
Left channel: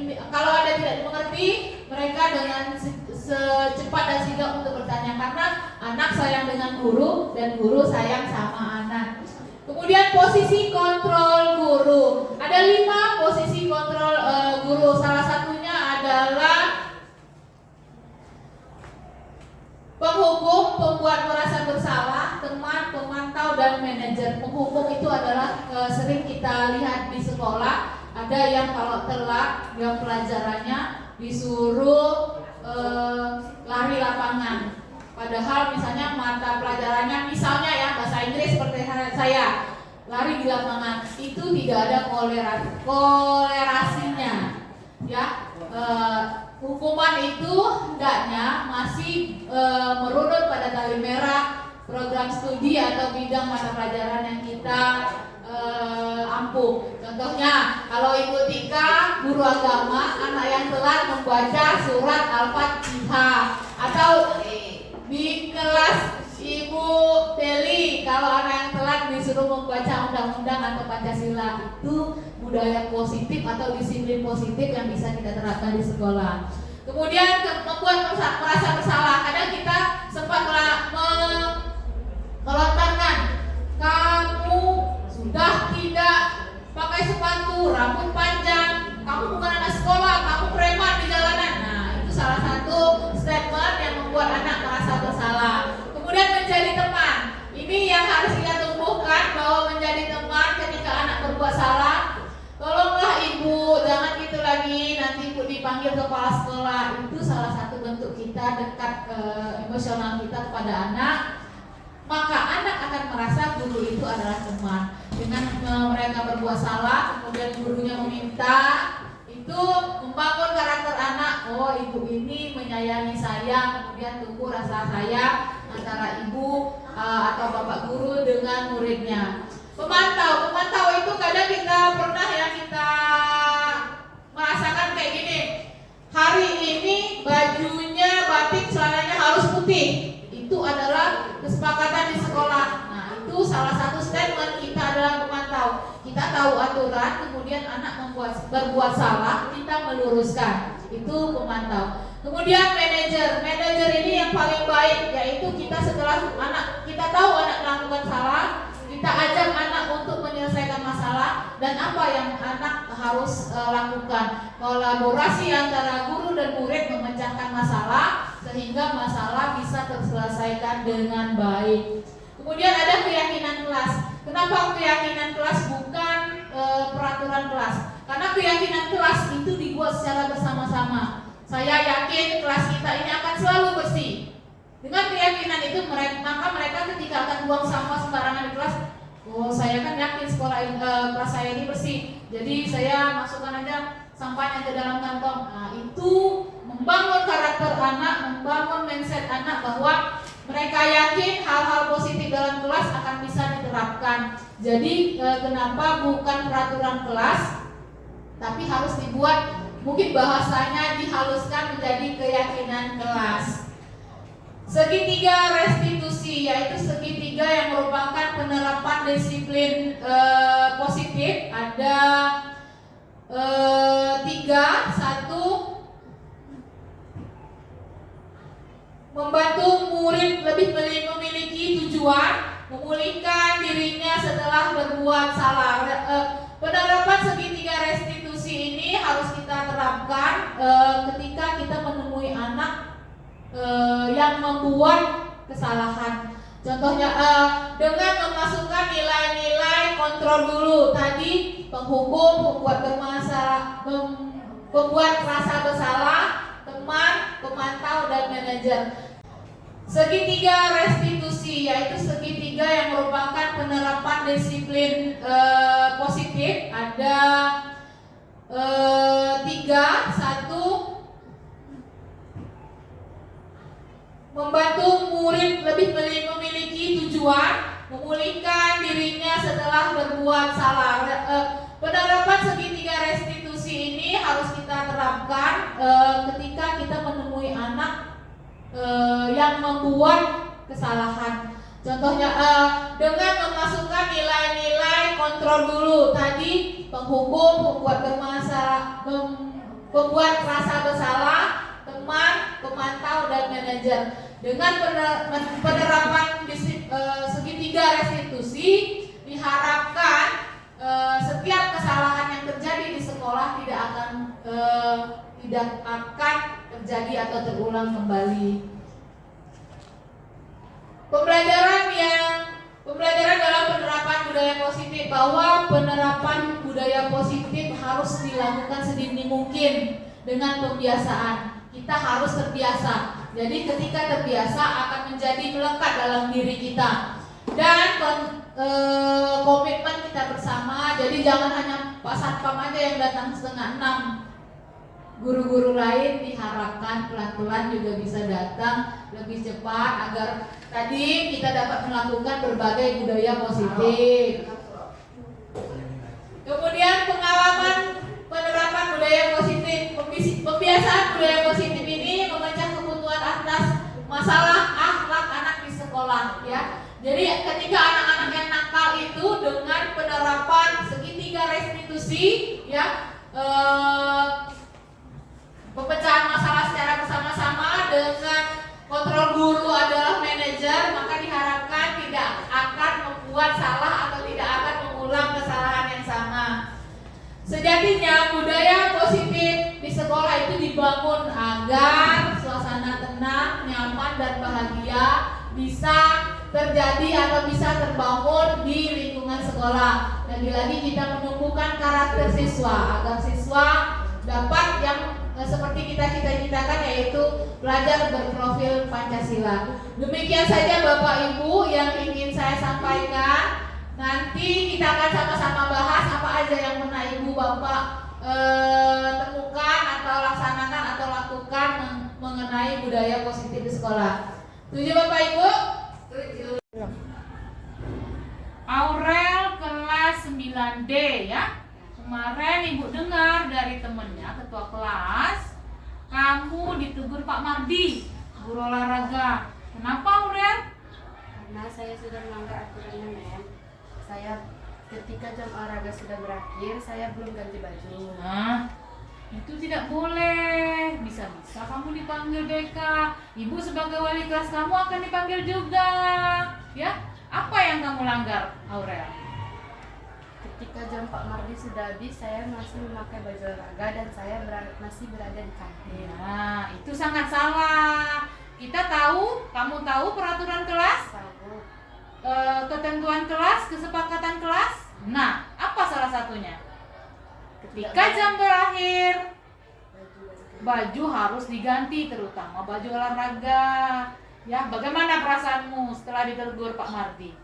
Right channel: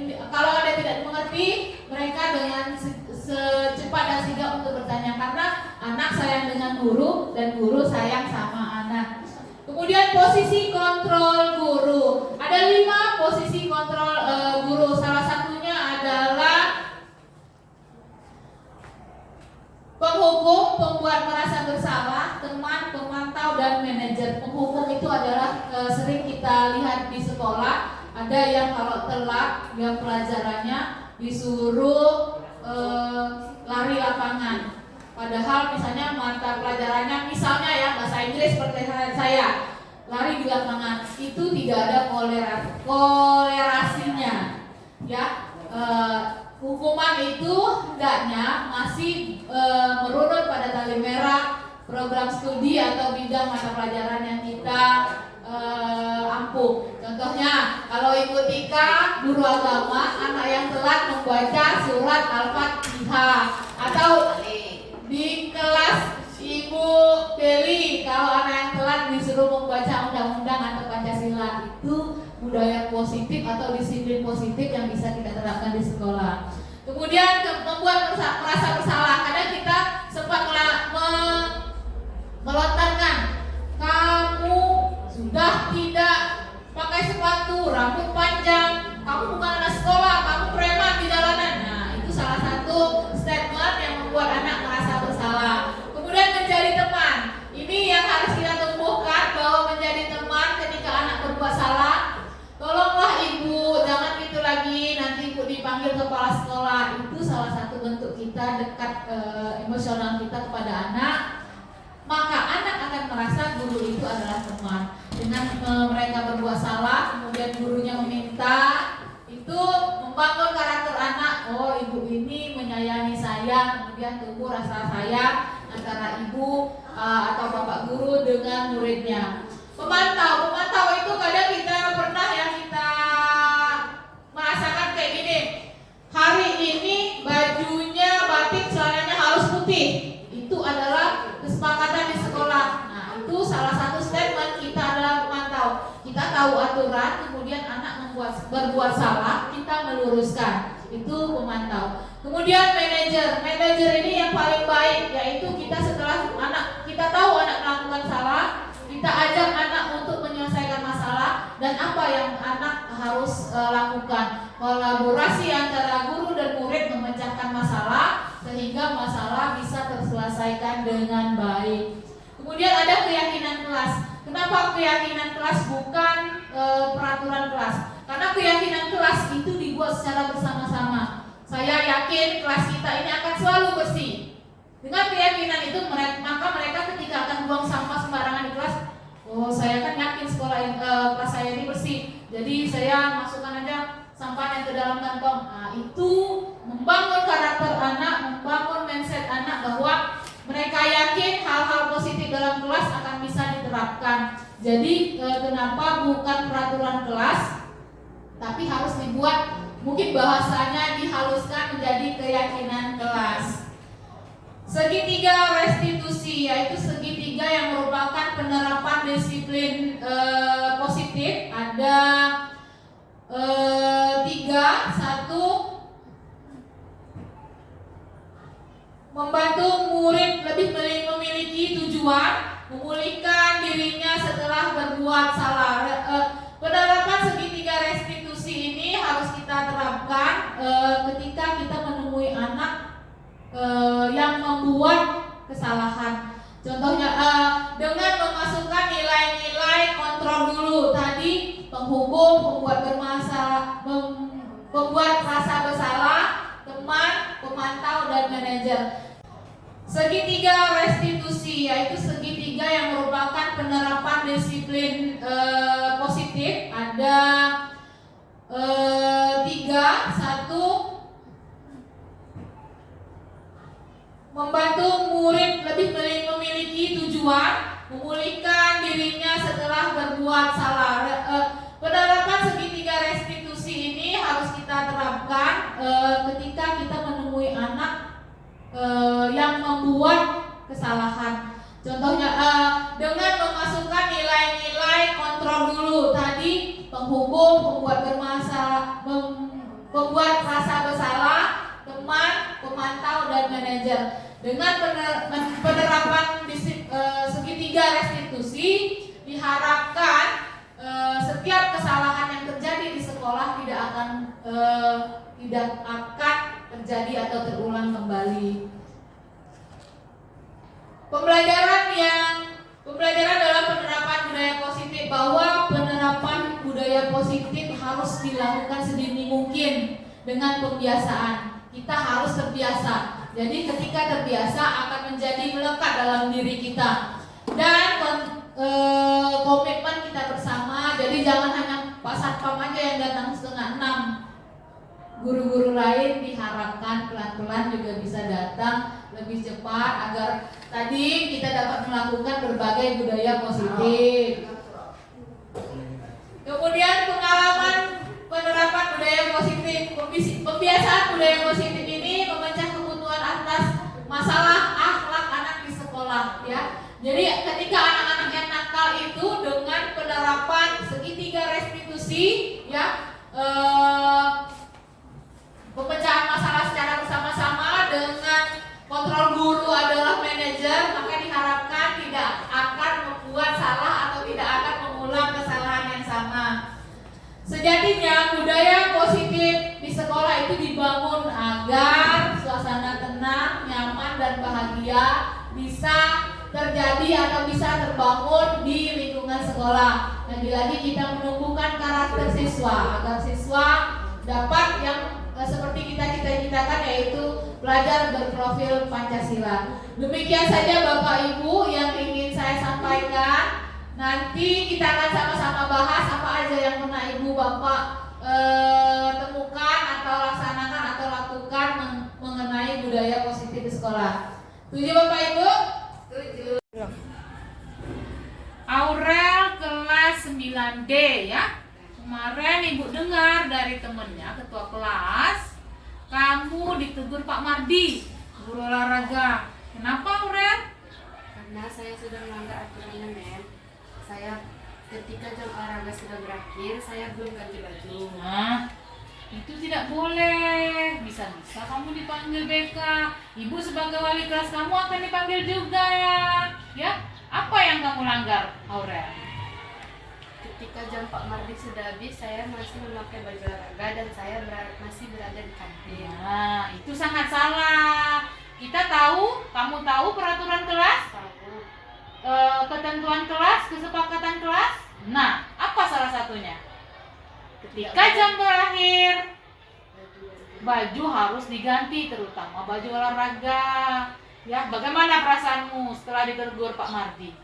tidak mengerti, mereka dengan secepat dan sigap untuk bertanya, karena anak sayang dengan guru dan guru sayang sama anak. Kemudian posisi kontrol guru. Ada 5 posisi kontrol guru. Salah satunya adalah penghukum, pembuat merasa bersalah, teman, pemantau, dan manajer. Penghukum itu adalah sering kita lihat di sekolah. Ada yang kalau telat yang pelajarannya disuruh lari lapangan. Padahal misalnya mata pelajarannya, misalnya ya bahasa Inggris seperti saya, lari di lapangan, itu tidak ada kolerasinya, ya. Hukuman itu hendaknya masih merunut pada tali merah program studi atau bidang mata pelajaran yang kita ampuh. Contohnya, kalau ikutika guru agama, anak yang telat membaca surat Al-Fatihah, atau di kelas Ibu Deli, kalau anak yang telat disuruh membaca undang-undang atau Pancasila, itu budaya positif atau disiplin positif yang bisa kita terapkan di sekolah. Kemudian membuat merasa bersalah. Kadang kita sempat melontarkan, kamu sudah tidak pakai sepatu, rambut panjang, kamu bukan anak sekolah, kamu preman di jalanan. Nah, itu salah satu statement yang membuat anak merasa bersalah. Kemudian menjadi teman. Ini yang harus kita tumbuhkan, bahwa menjadi teman ketika anak berbuat salah dipanggil kepala sekolah itu salah satu bentuk kita dekat emosional kita kepada anak, maka anak akan merasa guru itu adalah teman. Dengan mereka berbuat salah, kemudian gurunya meminta, itu membangun karakter anak. Oh, ibu ini menyayangi saya, kemudian tumbuh rasa sayang antara ibu atau bapak guru dengan muridnya. Pemantau itu kadang kita pernah ya kita merasakan kayak gini. Hari ini bajunya batik, celananya harus putih. Itu adalah kesepakatan di sekolah. Nah, itu salah satu statement kita adalah pemantau. Kita tahu aturan, kemudian anak berbuat salah, kita meluruskan. Itu pemantau. Kemudian manajer ini yang paling baik, yaitu kita setelah kita tahu anak melakukan salah, kita ajak anak untuk menyelesaikan masalah dan apa yang anak harus lakukan. Kolaborasi antara guru dan murid memecahkan masalah sehingga masalah bisa terselesaikan dengan baik. Kemudian ada keyakinan kelas. Kenapa keyakinan kelas bukan peraturan kelas? Karena keyakinan kelas itu dibuat secara bersama-sama. Saya yakin kelas kita ini akan selalu bersih. Dengan keyakinan itu maka mereka ketika akan buang sampah sembarangan di kelas, oh saya kan yakin kelas saya ini bersih, jadi saya masukkan aja sampahnya ke dalam kantong. Nah, itu membangun karakter anak, membangun mindset anak bahwa mereka yakin hal-hal positif dalam kelas akan bisa diterapkan. Jadi kenapa bukan peraturan kelas, tapi harus dibuat, mungkin bahasanya dihaluskan menjadi keyakinan kelas. Segitiga restitusi, yaitu segitiga yang merupakan penerapan disiplin positif. Ada 3. 1. Membantu murid lebih memiliki tujuan, memulihkan dirinya setelah berbuat salah. Penerapan segitiga restitusi ini harus kita terapkan ketika kita menemui anak yang membuat kesalahan. Contohnya dengan memasukkan nilai-nilai kontrol dulu tadi, penghubung, pembuat rasa bersalah, teman, pemantau dan manajer. Segitiga restitusi, yaitu segitiga yang merupakan penerapan disiplin positif. Ada 3. 1. Membantu murid lebih memiliki tujuan, memulihkan dirinya setelah berbuat salah. Penerapan segitiga restitusi ini harus kita terapkan ketika kita menemui anak yang membuat kesalahan. Contohnya dengan memasukkan nilai-nilai kontrol dulu tadi, penghubung, pembuat rasa bersalah, teman, pemantau dan manajer. Dengan penerapan segitiga restitusi, diharapkan setiap kesalahan yang terjadi di sekolah tidak akan terjadi atau terulang kembali. Pembelajaran dalam penerapan budaya positif, bahwa penerapan budaya positif harus dilakukan sedini mungkin dengan pembiasaan. Kita harus terbiasa. Jadi ketika terbiasa akan menjadi melekat dalam diri kita. Dan komitmen kita bersama. Jadi jangan hanya Pak Satpam aja yang datang 5:30. Guru-guru lain diharapkan pelan-pelan juga bisa datang lebih cepat agar tadi kita dapat melakukan berbagai budaya positif. Kemudian pengalaman penerapan budaya positif, pembiasaan budaya positif ini memecah kebutuhan atas masalah akhlak anak di sekolah, ya. Jadi ketika anak-anak yang nakal itu dengan penerapan segitiga restitusi, ya, pemecahan masalah secara bersama-sama dengan kontrol guru adalah manajer, maka diharapkan tidak akan membuat salah atau tidak akan mengulang kesalahan yang sama. Sejatinya budaya positif di sekolah itu dibangun agar suasana tenang, nyaman dan bahagia bisa terjadi atau bisa terbangun di lingkungan sekolah. Lagi-lagi kita menumbuhkan karakter siswa agar siswa dapat yang seperti kita cita-citakan, yaitu belajar berprofil Pancasila. Demikian saja Bapak Ibu yang ingin saya sampaikan. Nanti kita akan sama-sama bahas apa aja yang pernah Ibu Bapak temukan atau laksanakan atau lakukan mengenai budaya positif di sekolah. Setuju Bapak Ibu? Setuju. Aurel kelas 9D ya. Kemarin Ibu dengar dari temennya ketua kelas, kamu ditegur Pak Mardi, guru olahraga. Kenapa Aurel? Karena saya sudah melanggar aturannya, men. Saya ketika jam olahraga sudah berakhir, saya belum ganti baju. Nah, itu tidak boleh. Bisa-bisa kamu dipanggil BK. Ibu sebagai wali kelas kamu akan dipanggil juga. Ya, apa yang kamu langgar, Aurel? Ketika jam Pak Mardi sudah habis, saya masih memakai baju olahraga dan saya masih berada di kantin. Nah, itu sangat salah. Kita tahu, kamu tahu peraturan kelas, Tahu. ketentuan kelas, kesepakatan kelas. Nah, apa salah satunya? Ketika jam berakhir, baju harus diganti, terutama baju olahraga. Ya, bagaimana perasaanmu setelah ditegur Pak Mardi?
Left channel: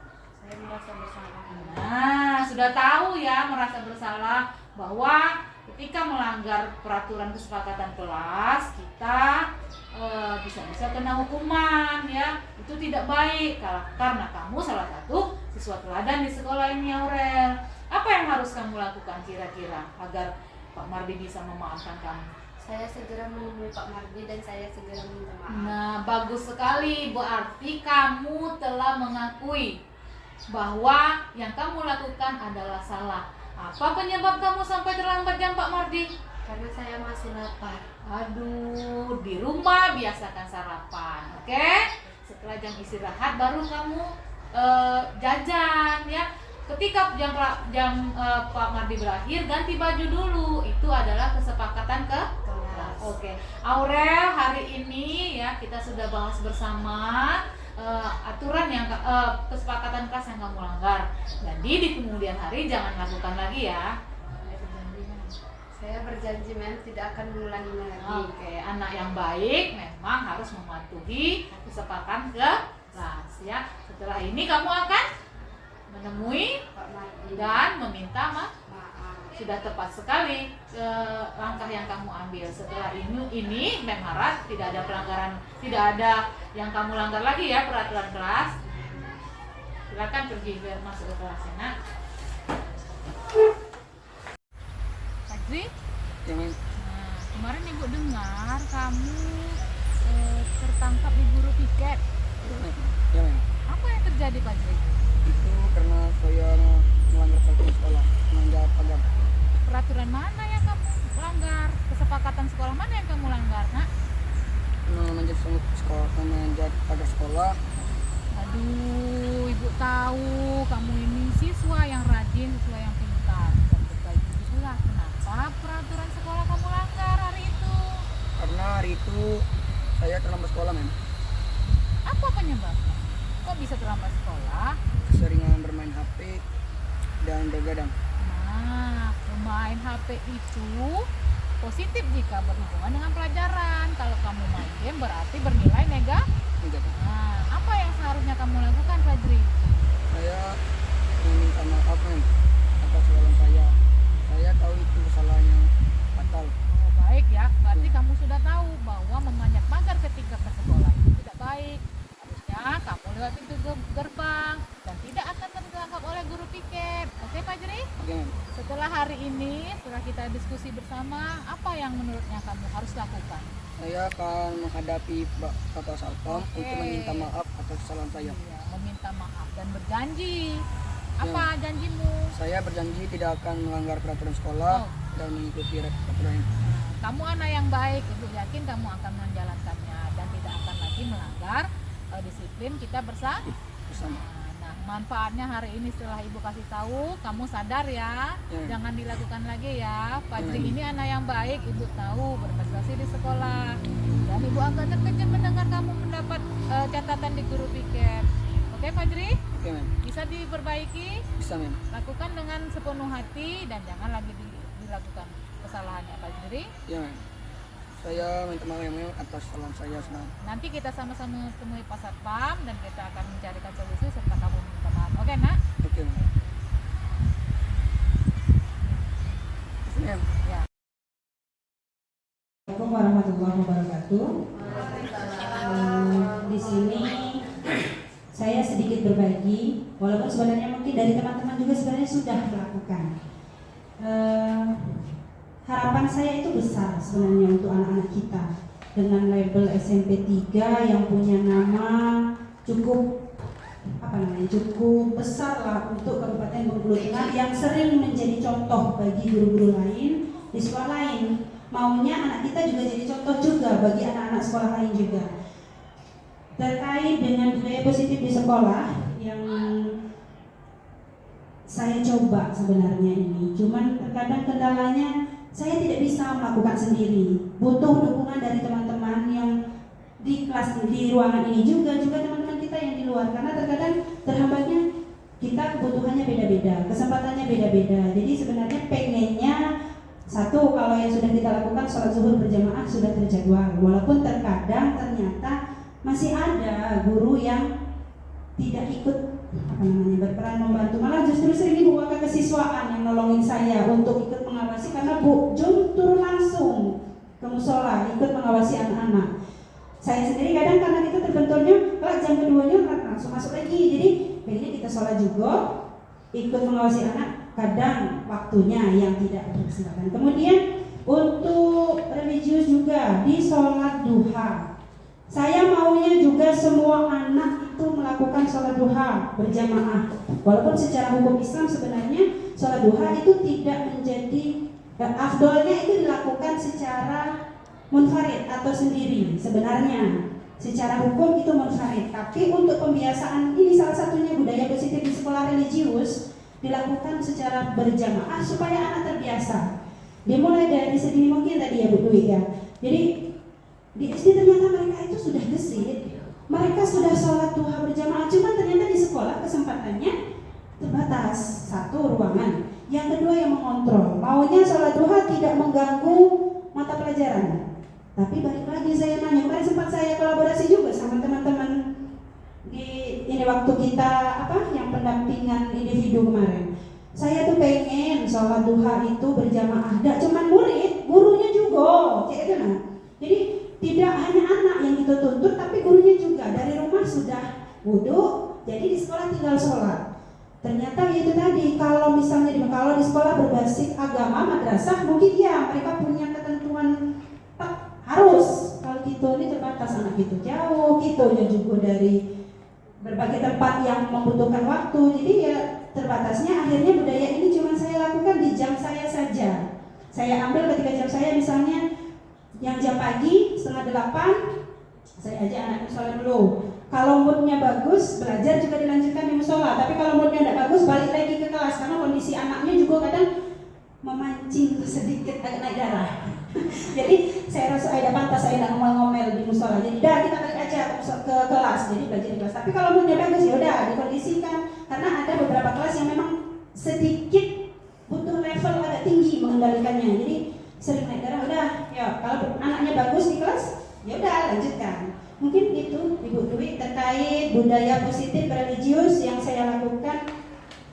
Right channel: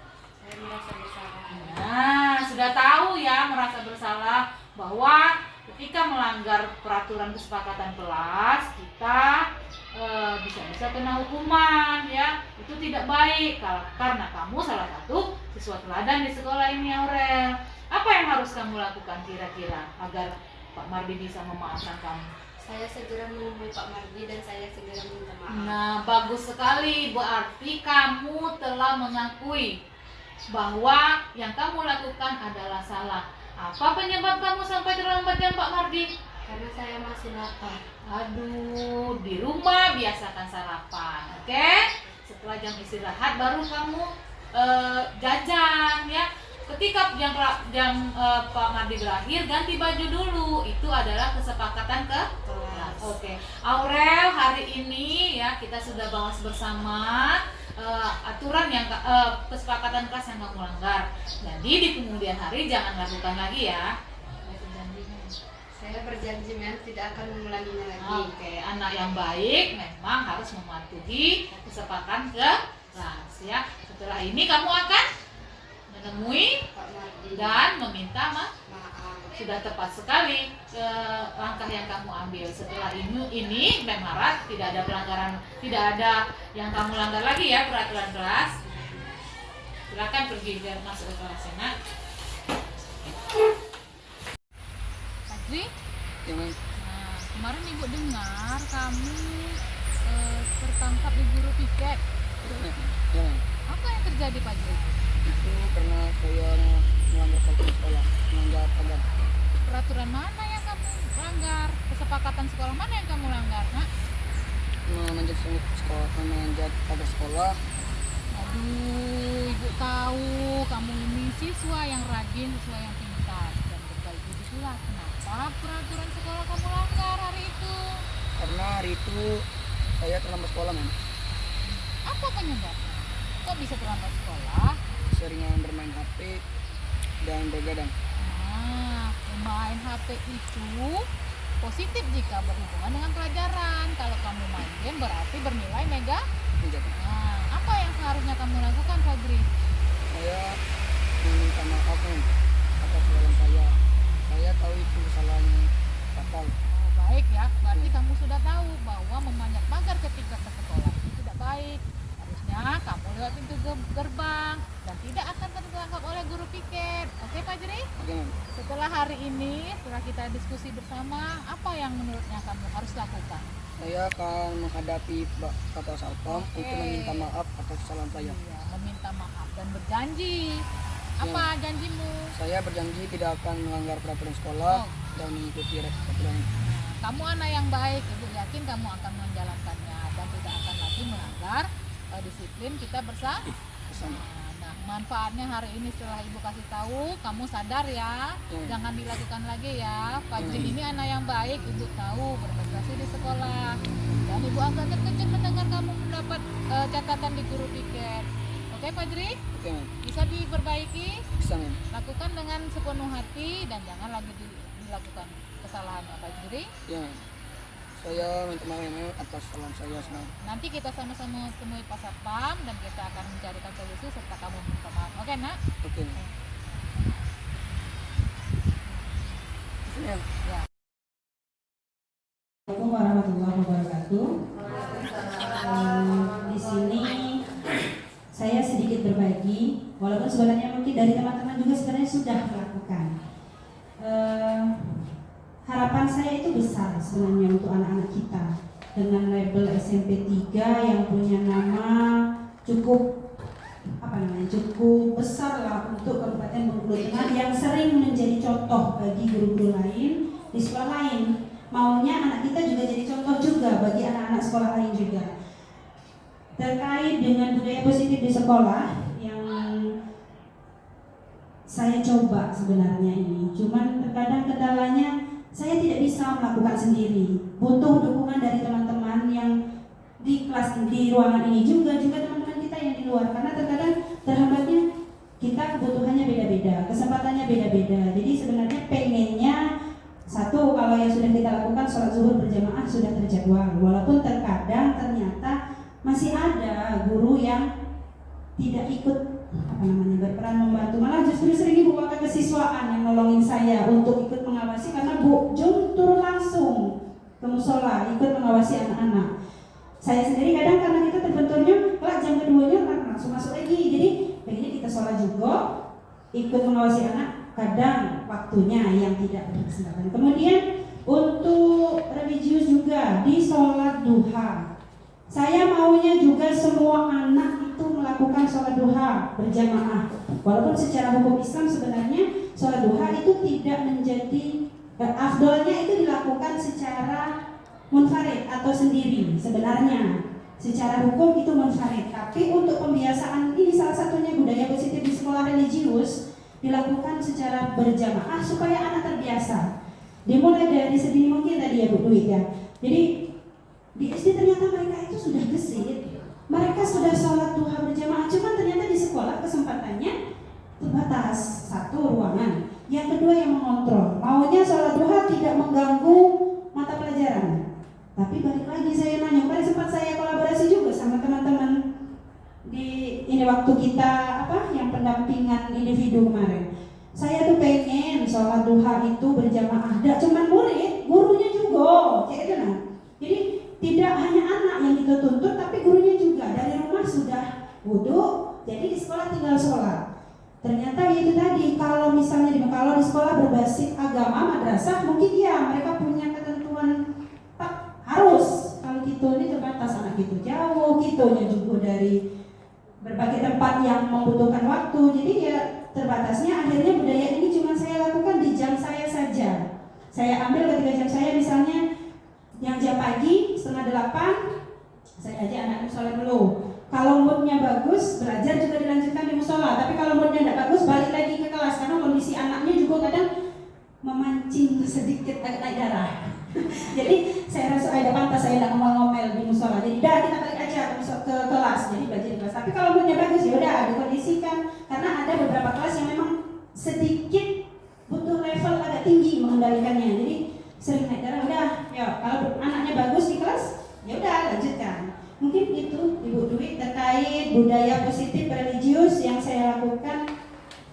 Saya merasa bersalah. Nah, sudah tahu ya, merasa bersalah bahwa ketika melanggar peraturan kesepakatan kelas, kita bisa-bisa kena hukuman ya. Itu tidak baik karena kamu salah satu siswa teladan di sekolah ini, Aurel. Apa yang harus kamu lakukan kira-kira agar Pak Mardi bisa memaafkan kamu? Saya segera menemui Pak Mardi dan saya segera minta maaf. Nah, bagus sekali. Berarti kamu telah mengakui bahwa yang kamu lakukan adalah salah. Apa penyebab kamu sampai terlambat jam Pak Mardi? Karena saya masih lapar. Aduh, di rumah biasakan sarapan, oke? Setelah jam istirahat baru kamu jajan ya. Ketika jam Pak Mardi berakhir, ganti baju dulu. Itu adalah kesepakatan ke kelas. Oke. Aurel, hari ini ya kita sudah bahas bersama aturan yang kesepakatan kelas yang kamu langgar. Jadi di kemudian hari jangan lakukan lagi ya. Saya berjanji, men, tidak akan mengulanginya lagi. Oke, anak yang baik memang harus mematuhi kesepakatan kelas ya. Setelah ini kamu akan menemui Pak Mardi dan meminta maaf. maaf. Sudah tepat sekali langkah yang kamu ambil. Setelah ini Memharap tidak ada pelanggaran, tidak ada yang kamu langgar lagi ya peraturan kelas. Silakan pergi biar masuk ke kelas ya, Nak. Fajri, Yang nah, kemarin Ibu dengar kamu tertangkap di guru piket. yang Apa yang terjadi, Fajri? itu karena saya melanggar peraturan sekolah, melanggar pagar. Peraturan mana yang kamu langgar? Kesepakatan sekolah mana yang kamu langgar, Nak? Memanjat sekolah, memanjat pagar sekolah. Aduh, Ibu tahu kamu ini siswa yang rajin, siswa yang pintar dan berbaik budi pula. Kenapa peraturan sekolah kamu langgar hari itu? Karena hari itu saya terlambat sekolah, men. Apa penyebabnya? Kok bisa terlambat sekolah? Keseringan bermain HP dan begadang. Nah, bermain HP itu positif jika berhubungan dengan pelajaran. Kalau kamu main game berarti bernilai negatif. Nah, apa yang seharusnya kamu lakukan, Fajri? Saya meminta maaf, men, atas kesalahan saya. Saya tahu itu kesalahannya fatal. Oh, baik ya, berarti kamu sudah tahu bahwa memanjat pagar ketika ke sekolah itu tidak baik. Harusnya kamu lewat pintu gerbang dan tidak akan tertangkap oleh guru piket. Oke, Fajri? Oke, men. Setelah hari ini, setelah kita diskusi bersama, apa yang menurutnya kamu harus lakukan? Saya akan menghadapi Bapak Salpam Oke. untuk meminta maaf atas kesalahan saya. Iya, meminta maaf dan berjanji. Apa janjimu? Saya berjanji tidak akan melanggar peraturan sekolah Oh. dan mengikuti aturan. Nah, kamu anak yang baik, Ibu yakin kamu akan menjalankannya dan tidak akan lagi melanggar disiplin kita bersama. Nah, manfaatnya hari ini setelah Ibu kasih tahu, kamu sadar ya, jangan dilakukan lagi ya. Fajri ini anak yang baik, Ibu tahu berprestasi di sekolah. Dan Ibu agak terkejut mendengar kamu mendapat catatan di guru piket. Oke, Fajri? Oke, men. Bisa diperbaiki, Bisa, men. lakukan dengan sepenuh hati dan jangan lagi dilakukan kesalahannya, Fajri. Ya, men. Saya minta maaf atas kesalahan saya. Nanti kita sama-sama temui Pak Satpam dan kita akan mencarikan solusi serta kamu minta maaf. Oke, Nak? Oke. Ya. Assalamualaikum warahmatullahi wabarakatuh. Di sini saya sedikit berbagi, walaupun sebenarnya mungkin dari teman-teman juga sebenarnya sudah melakukan. Harapan saya itu besar sebenarnya untuk anak-anak kita dengan label SMP 3 yang punya nama cukup cukup besar lah untuk Kabupaten Bengkulu Tengah yang sering menjadi contoh bagi guru-guru lain di sekolah lain. Maunya anak kita juga jadi contoh juga bagi anak-anak sekolah lain juga. Terkait dengan budaya positif di sekolah yang saya coba sebenarnya ini, cuman terkadang kendalanya saya tidak bisa melakukan sendiri. Butuh dukungan dari teman-teman yang di kelas, di ruangan ini juga teman-teman kita yang di luar, karena terkadang terhambatnya kita kebutuhannya beda-beda, kesempatannya beda-beda. Jadi sebenarnya pengennya satu, kalau yang sudah kita lakukan sholat zuhur berjamaah sudah terjadwal, walaupun terkadang ternyata masih ada guru yang tidak ikut berperan membantu, malah justru sering ibu wakil kesiswaan yang nolongin saya untuk ikut mengawasi, karena Bu Jun turun langsung ke musola ikut mengawasi anak-anak. Saya sendiri kadang karena kita terbenturnya kalau jam keduanya langsung masuk lagi, jadi pengennya kita sholat juga ikut mengawasi anak, kadang waktunya yang tidak berkesempatan. Kemudian untuk religius juga di sholat duha, saya maunya juga semua anak itu melakukan sholat duha berjamaah. Walaupun secara hukum Islam sebenarnya sholat duha itu tidak menjadi afdolnya itu dilakukan secara munfarid atau sendiri. Sebenarnya secara hukum itu munfarid, tapi untuk pembiasaan ini salah satunya budaya positif di sekolah religius dilakukan secara berjamaah supaya anak terbiasa. Dimulai dari sedini mungkin tadi ya Bu Dwi ya. Jadi di SD ternyata mereka itu sudah gesit, mereka sudah sholat duha berjamaah, cuma ternyata di sekolah kesempatannya terbatas. Satu, ruangan. Yang kedua, yang mengontrol. Maunya sholat duha tidak mengganggu mata pelajaran. Tapi balik lagi saya nanya, kemarin sempat saya kolaborasi juga sama teman-teman di ini waktu kita yang pendampingan individu kemarin. Saya tuh pengen sholat duha itu berjamaah, tidak cuma murid, gurunya juga, kayak itu nah. Jadi tidak hanya anak yang kita tuntut, tapi gurunya juga dari rumah sudah wudhu, jadi di sekolah tinggal sholat. Ternyata itu tadi, kalau misalnya kalau di sekolah berbasis agama madrasah, mungkin ya mereka punya ketentuan harus, kalau gitu ini terbatas, anak gitu jauh, gitunya juga dari berbagai tempat yang membutuhkan waktu. Jadi ya terbatasnya akhirnya budaya ini cuma saya lakukan di jam saya saja. Saya ambil ketika jam saya misalnya yang jam pagi 7:30, saya ajak anaknya sholat dulu. Kalau moodnya bagus, belajar juga dilanjutkan di musola. Tapi kalau moodnya tidak bagus, balik lagi ke kelas, karena kondisi anaknya juga kadang memancing sedikit agak naik darah. Jadi saya rasa tidak pantas saya tidak ngomel-ngomel di musola. Jadi dah kita balik aja ke kelas, jadi belajar di kelas. Tapi kalau moodnya bagus ya udah dikondisikan, karena ada beberapa kelas yang memang sedikit butuh level agak tinggi mengendalikannya. Jadi sering naik darah, udah ya kalau anaknya bagus di kelas ya udah lanjutkan. Mungkin itu Ibu Dwi terkait budaya positif religius yang saya lakukan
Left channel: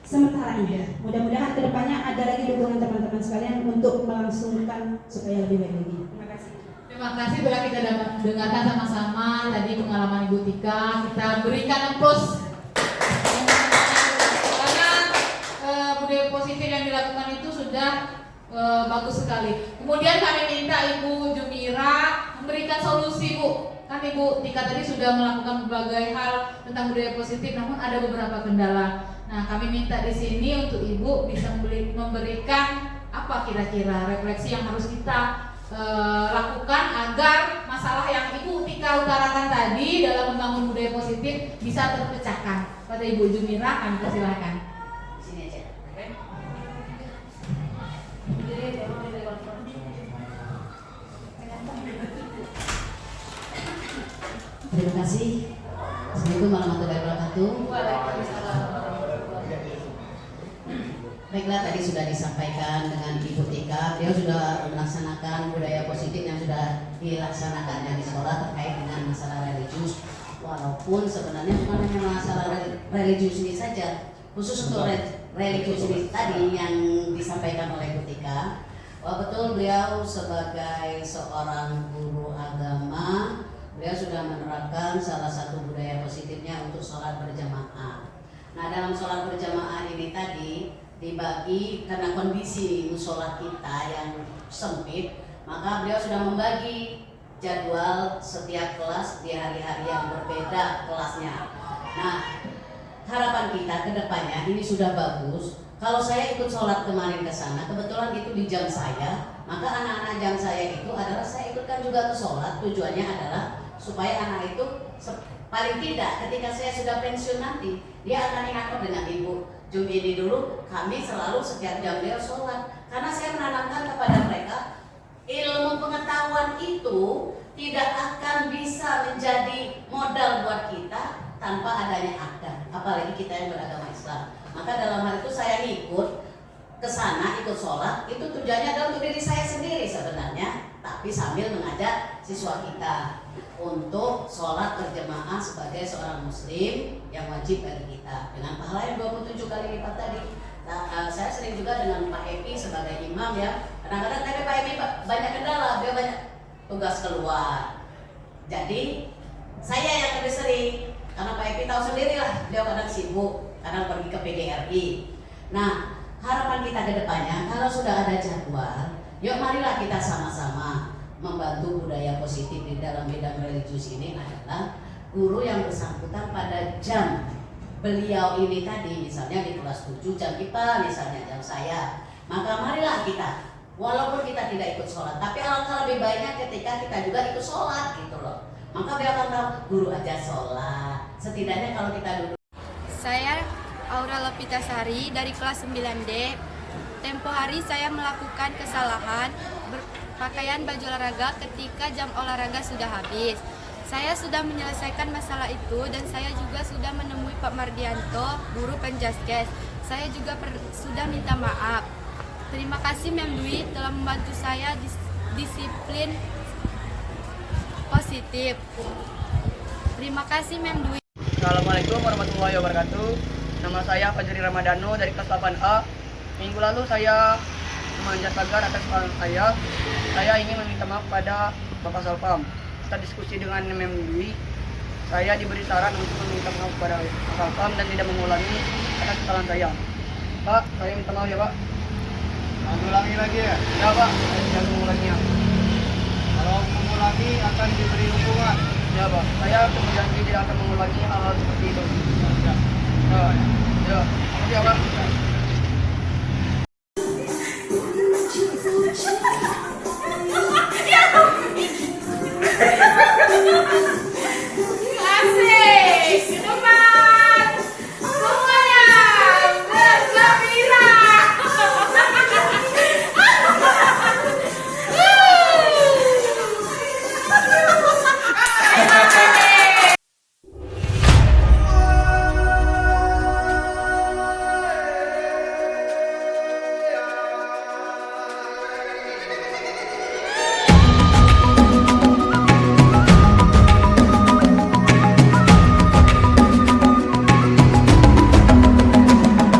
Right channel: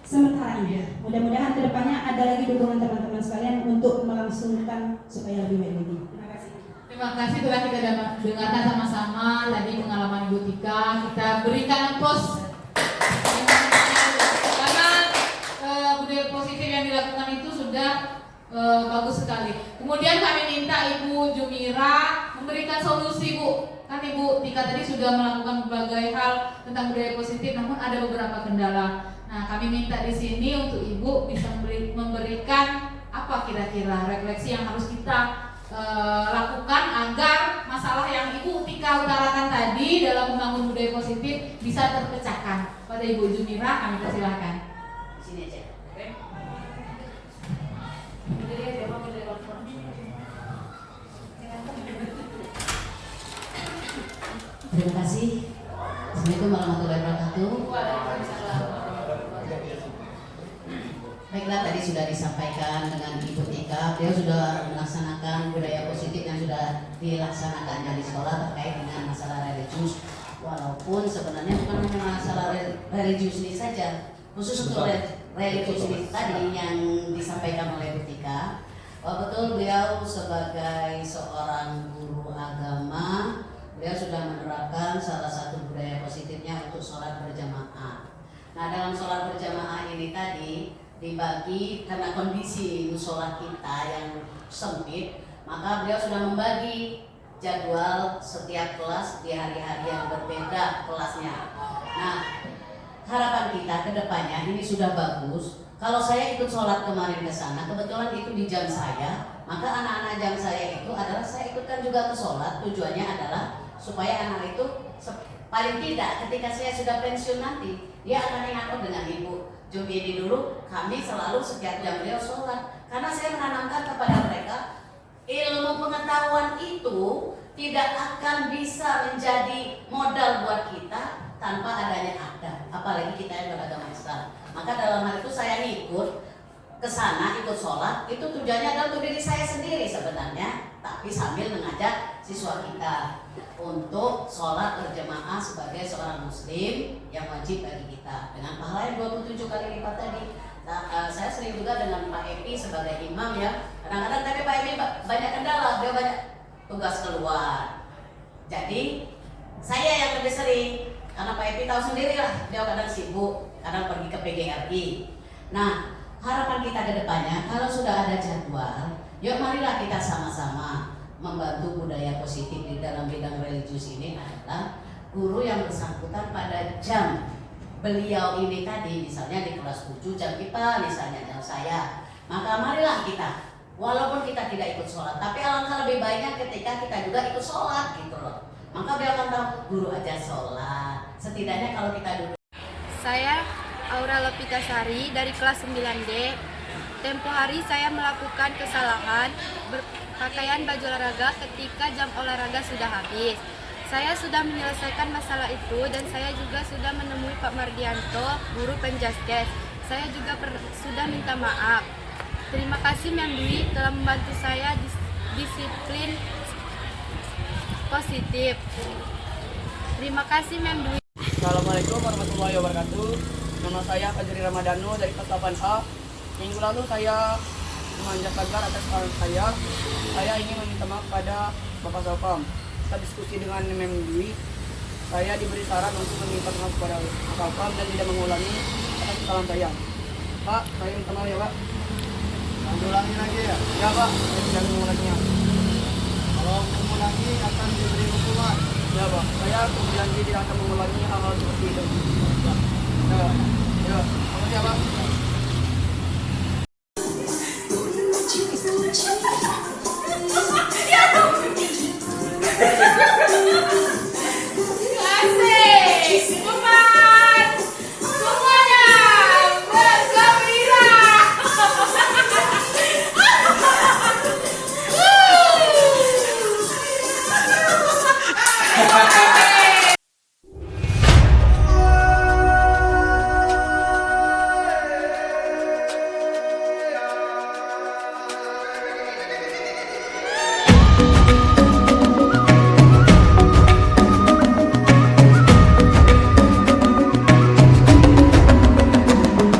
sementara ini. Mudah-mudahan kedepannya ada lagi dukungan teman-teman sekalian untuk melangsungkan supaya lebih baik lagi. Terima kasih. Terima kasih telah kita dengarkan sama-sama tadi pengalaman Ibu Tika. Kita berikan applause karena budaya positif yang dilakukan itu sudah bagus sekali. Kemudian kami minta Ibu Jumira memberikan solusi, Bu. Kan Ibu Tika tadi sudah melakukan berbagai hal tentang budaya positif, namun ada beberapa kendala. Nah, kami minta di sini untuk Ibu bisa memberikan apa kira-kira refleksi yang harus kita lakukan agar masalah yang Ibu Tika utarakan tadi dalam membangun budaya positif bisa terpecahkan. Pada Ibu Jumira kami persilahkan. Di sini aja. Oke. Terima kasih. Assalamualaikum warahmatullahi wabarakatuh. Baiklah, tadi sudah disampaikan dengan Ibu Tika, beliau sudah melaksanakan budaya positif yang sudah dilaksanakannya di sekolah terkait dengan masalah religius. Walaupun sebenarnya bukan hanya masalah religius ini saja, khusus untuk religius ini tadi yang disampaikan oleh Ibu Tika, bahwa betul beliau sebagai seorang guru agama, beliau sudah menerapkan salah satu budaya positifnya untuk sholat berjamaah. Nah, dalam sholat berjamaah ini tadi dibagi karena kondisi musola kita yang sempit, maka beliau sudah membagi jadwal setiap kelas di hari-hari yang berbeda kelasnya. Nah, harapan kita ke depannya ini sudah bagus. Kalau saya ikut sholat kemarin ke sana, kebetulan itu di jam saya, maka anak-anak jam saya itu adalah saya ikutkan juga ke sholat. Tujuannya adalah supaya anak itu paling tidak ketika saya sudah pensiun nanti, dia akan ingat, oh dengan Ibu Jumi ini dulu kami selalu setiap jam beliau sholat. Karena saya menanamkan kepada mereka ilmu pengetahuan itu tidak akan bisa menjadi modal buat kita tanpa adanya akad, apalagi kita yang beragama Islam. Maka dalam hal itu saya ikut ke sana, ikut sholat, itu tujuannya adalah untuk diri saya sendiri sebenarnya, tapi sambil mengajak siswa kita untuk sholat berjamaah sebagai seorang muslim yang wajib bagi kita dengan pahala yang 27 kali lipat tadi. Nah, saya sering juga dengan Pak Epi sebagai imam ya. Kadang-kadang tapi Pak Epi banyak kendala, beliau banyak tugas keluar. Jadi saya yang lebih sering, karena Pak Epi tahu sendiri lah, beliau kadang sibuk, kadang pergi ke PGRI. Nah, harapan kita ke depannya kalau sudah ada jadwal, yuk marilah kita sama-sama membantu budaya positif di dalam bidang religius ini adalah guru yang bersangkutan pada jam beliau ini tadi, misalnya di kelas 7 jam kita, misalnya jam saya, maka marilah kita, walaupun kita tidak ikut sholat, tapi alangkah lebih baiknya ketika kita juga ikut sholat gitu loh. Maka beliau akan tahu, guru aja sholat, setidaknya kalau kita duduk. Saya Aura Lopitasari dari kelas 9D. Tempo hari saya melakukan kesalahan berpakaian baju olahraga ketika jam olahraga sudah habis. Saya sudah menyelesaikan masalah itu dan saya juga sudah menemui Pak Mardianto, guru penjaskes. Saya juga sudah minta maaf. Terima kasih Mem Dwi telah membantu saya disiplin positif. Terima kasih Mem Dwi. Assalamualaikum warahmatullahi wabarakatuh. Nama saya Fajri Ramadhano dari kelas 8A. Minggu lalu saya memanjat tagar atas kesalahan saya. Saya ingin meminta maaf pada Bapak Salpam. Kita diskusi dengan Mem Dwi. Saya diberi saran untuk meminta maaf kepada Pak Salpam dan tidak mengulangi atas kesalahan saya. Pak, saya minta maaf ya Pak. Mengulangi lagi ya? Ya Pak, saya tidak mengulanginya. Kalau mengulangi akan diberi hukuman. Ya Pak, saya berjanji tidak akan mengulangi hal-hal seperti itu. Ya, ya, makasih ya Pak.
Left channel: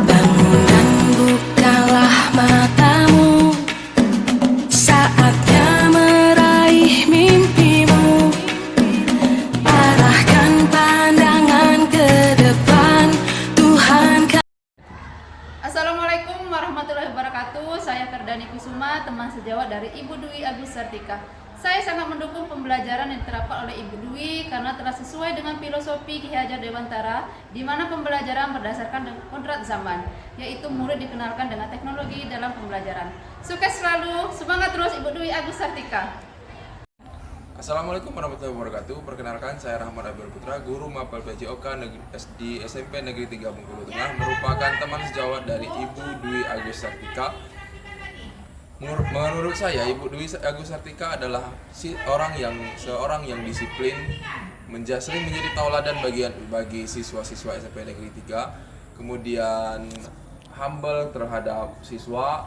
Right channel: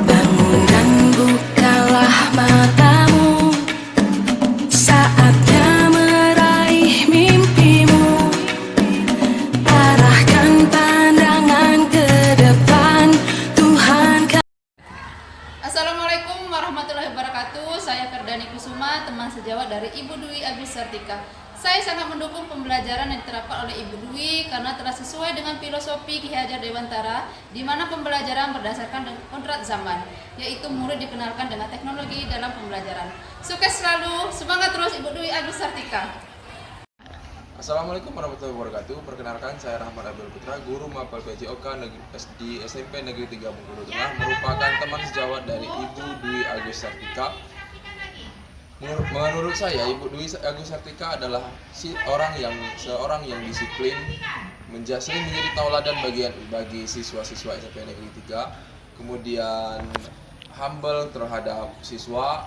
Bangun dan bukalah matamu, saatnya meraih mimpimu. Arahkan pandangan ke depan, Tuhan. Assalamualaikum warahmatullahi wabarakatuh. Saya Ferdani Kusuma, teman sejawat dari Ibu Dwi Agus Sartika. Saya sangat mendukung pembelajaran yang diterapkan oleh Ibu Dwi karena telah sesuai dengan filosofi Ki Hajar Dewantara, di mana pembelajaran berdasarkan kontrak zaman, yaitu murid dikenalkan dengan teknologi dalam pembelajaran. Sukses selalu, semangat terus Ibu Dwi Agus Sartika. Assalamualaikum warahmatullahi wabarakatuh. Perkenalkan, saya Rahmat Abdul Putra, guru Mapel PJOK di SMP Negeri 3 Bengkulu Tengah, merupakan teman sejawat dari Ibu Dwi Agus Sartika. Menurut saya, Ibu Dwi Agus Sartika adalah seorang yang disiplin, sering menjadi tauladan bagi siswa-siswa SMP Negeri 3. Kemudian humble terhadap siswa,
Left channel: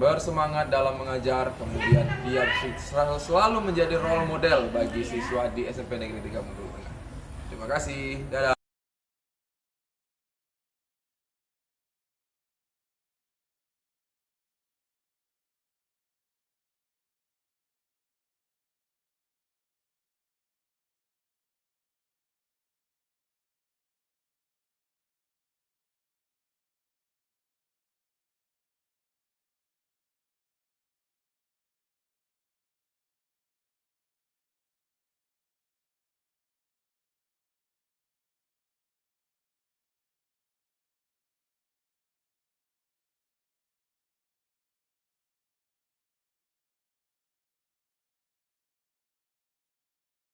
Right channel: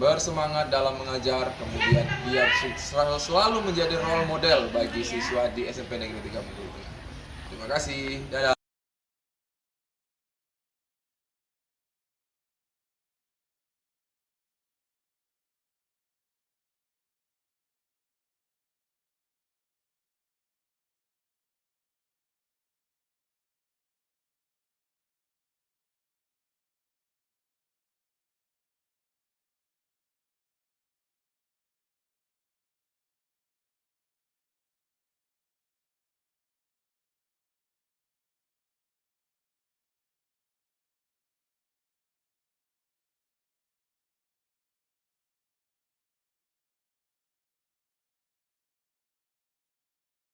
bersemangat dalam mengajar, kemudian dia selalu menjadi role model bagi siswa di SMP Negeri 3 Bengkulu Tengah. Terima kasih, dadah.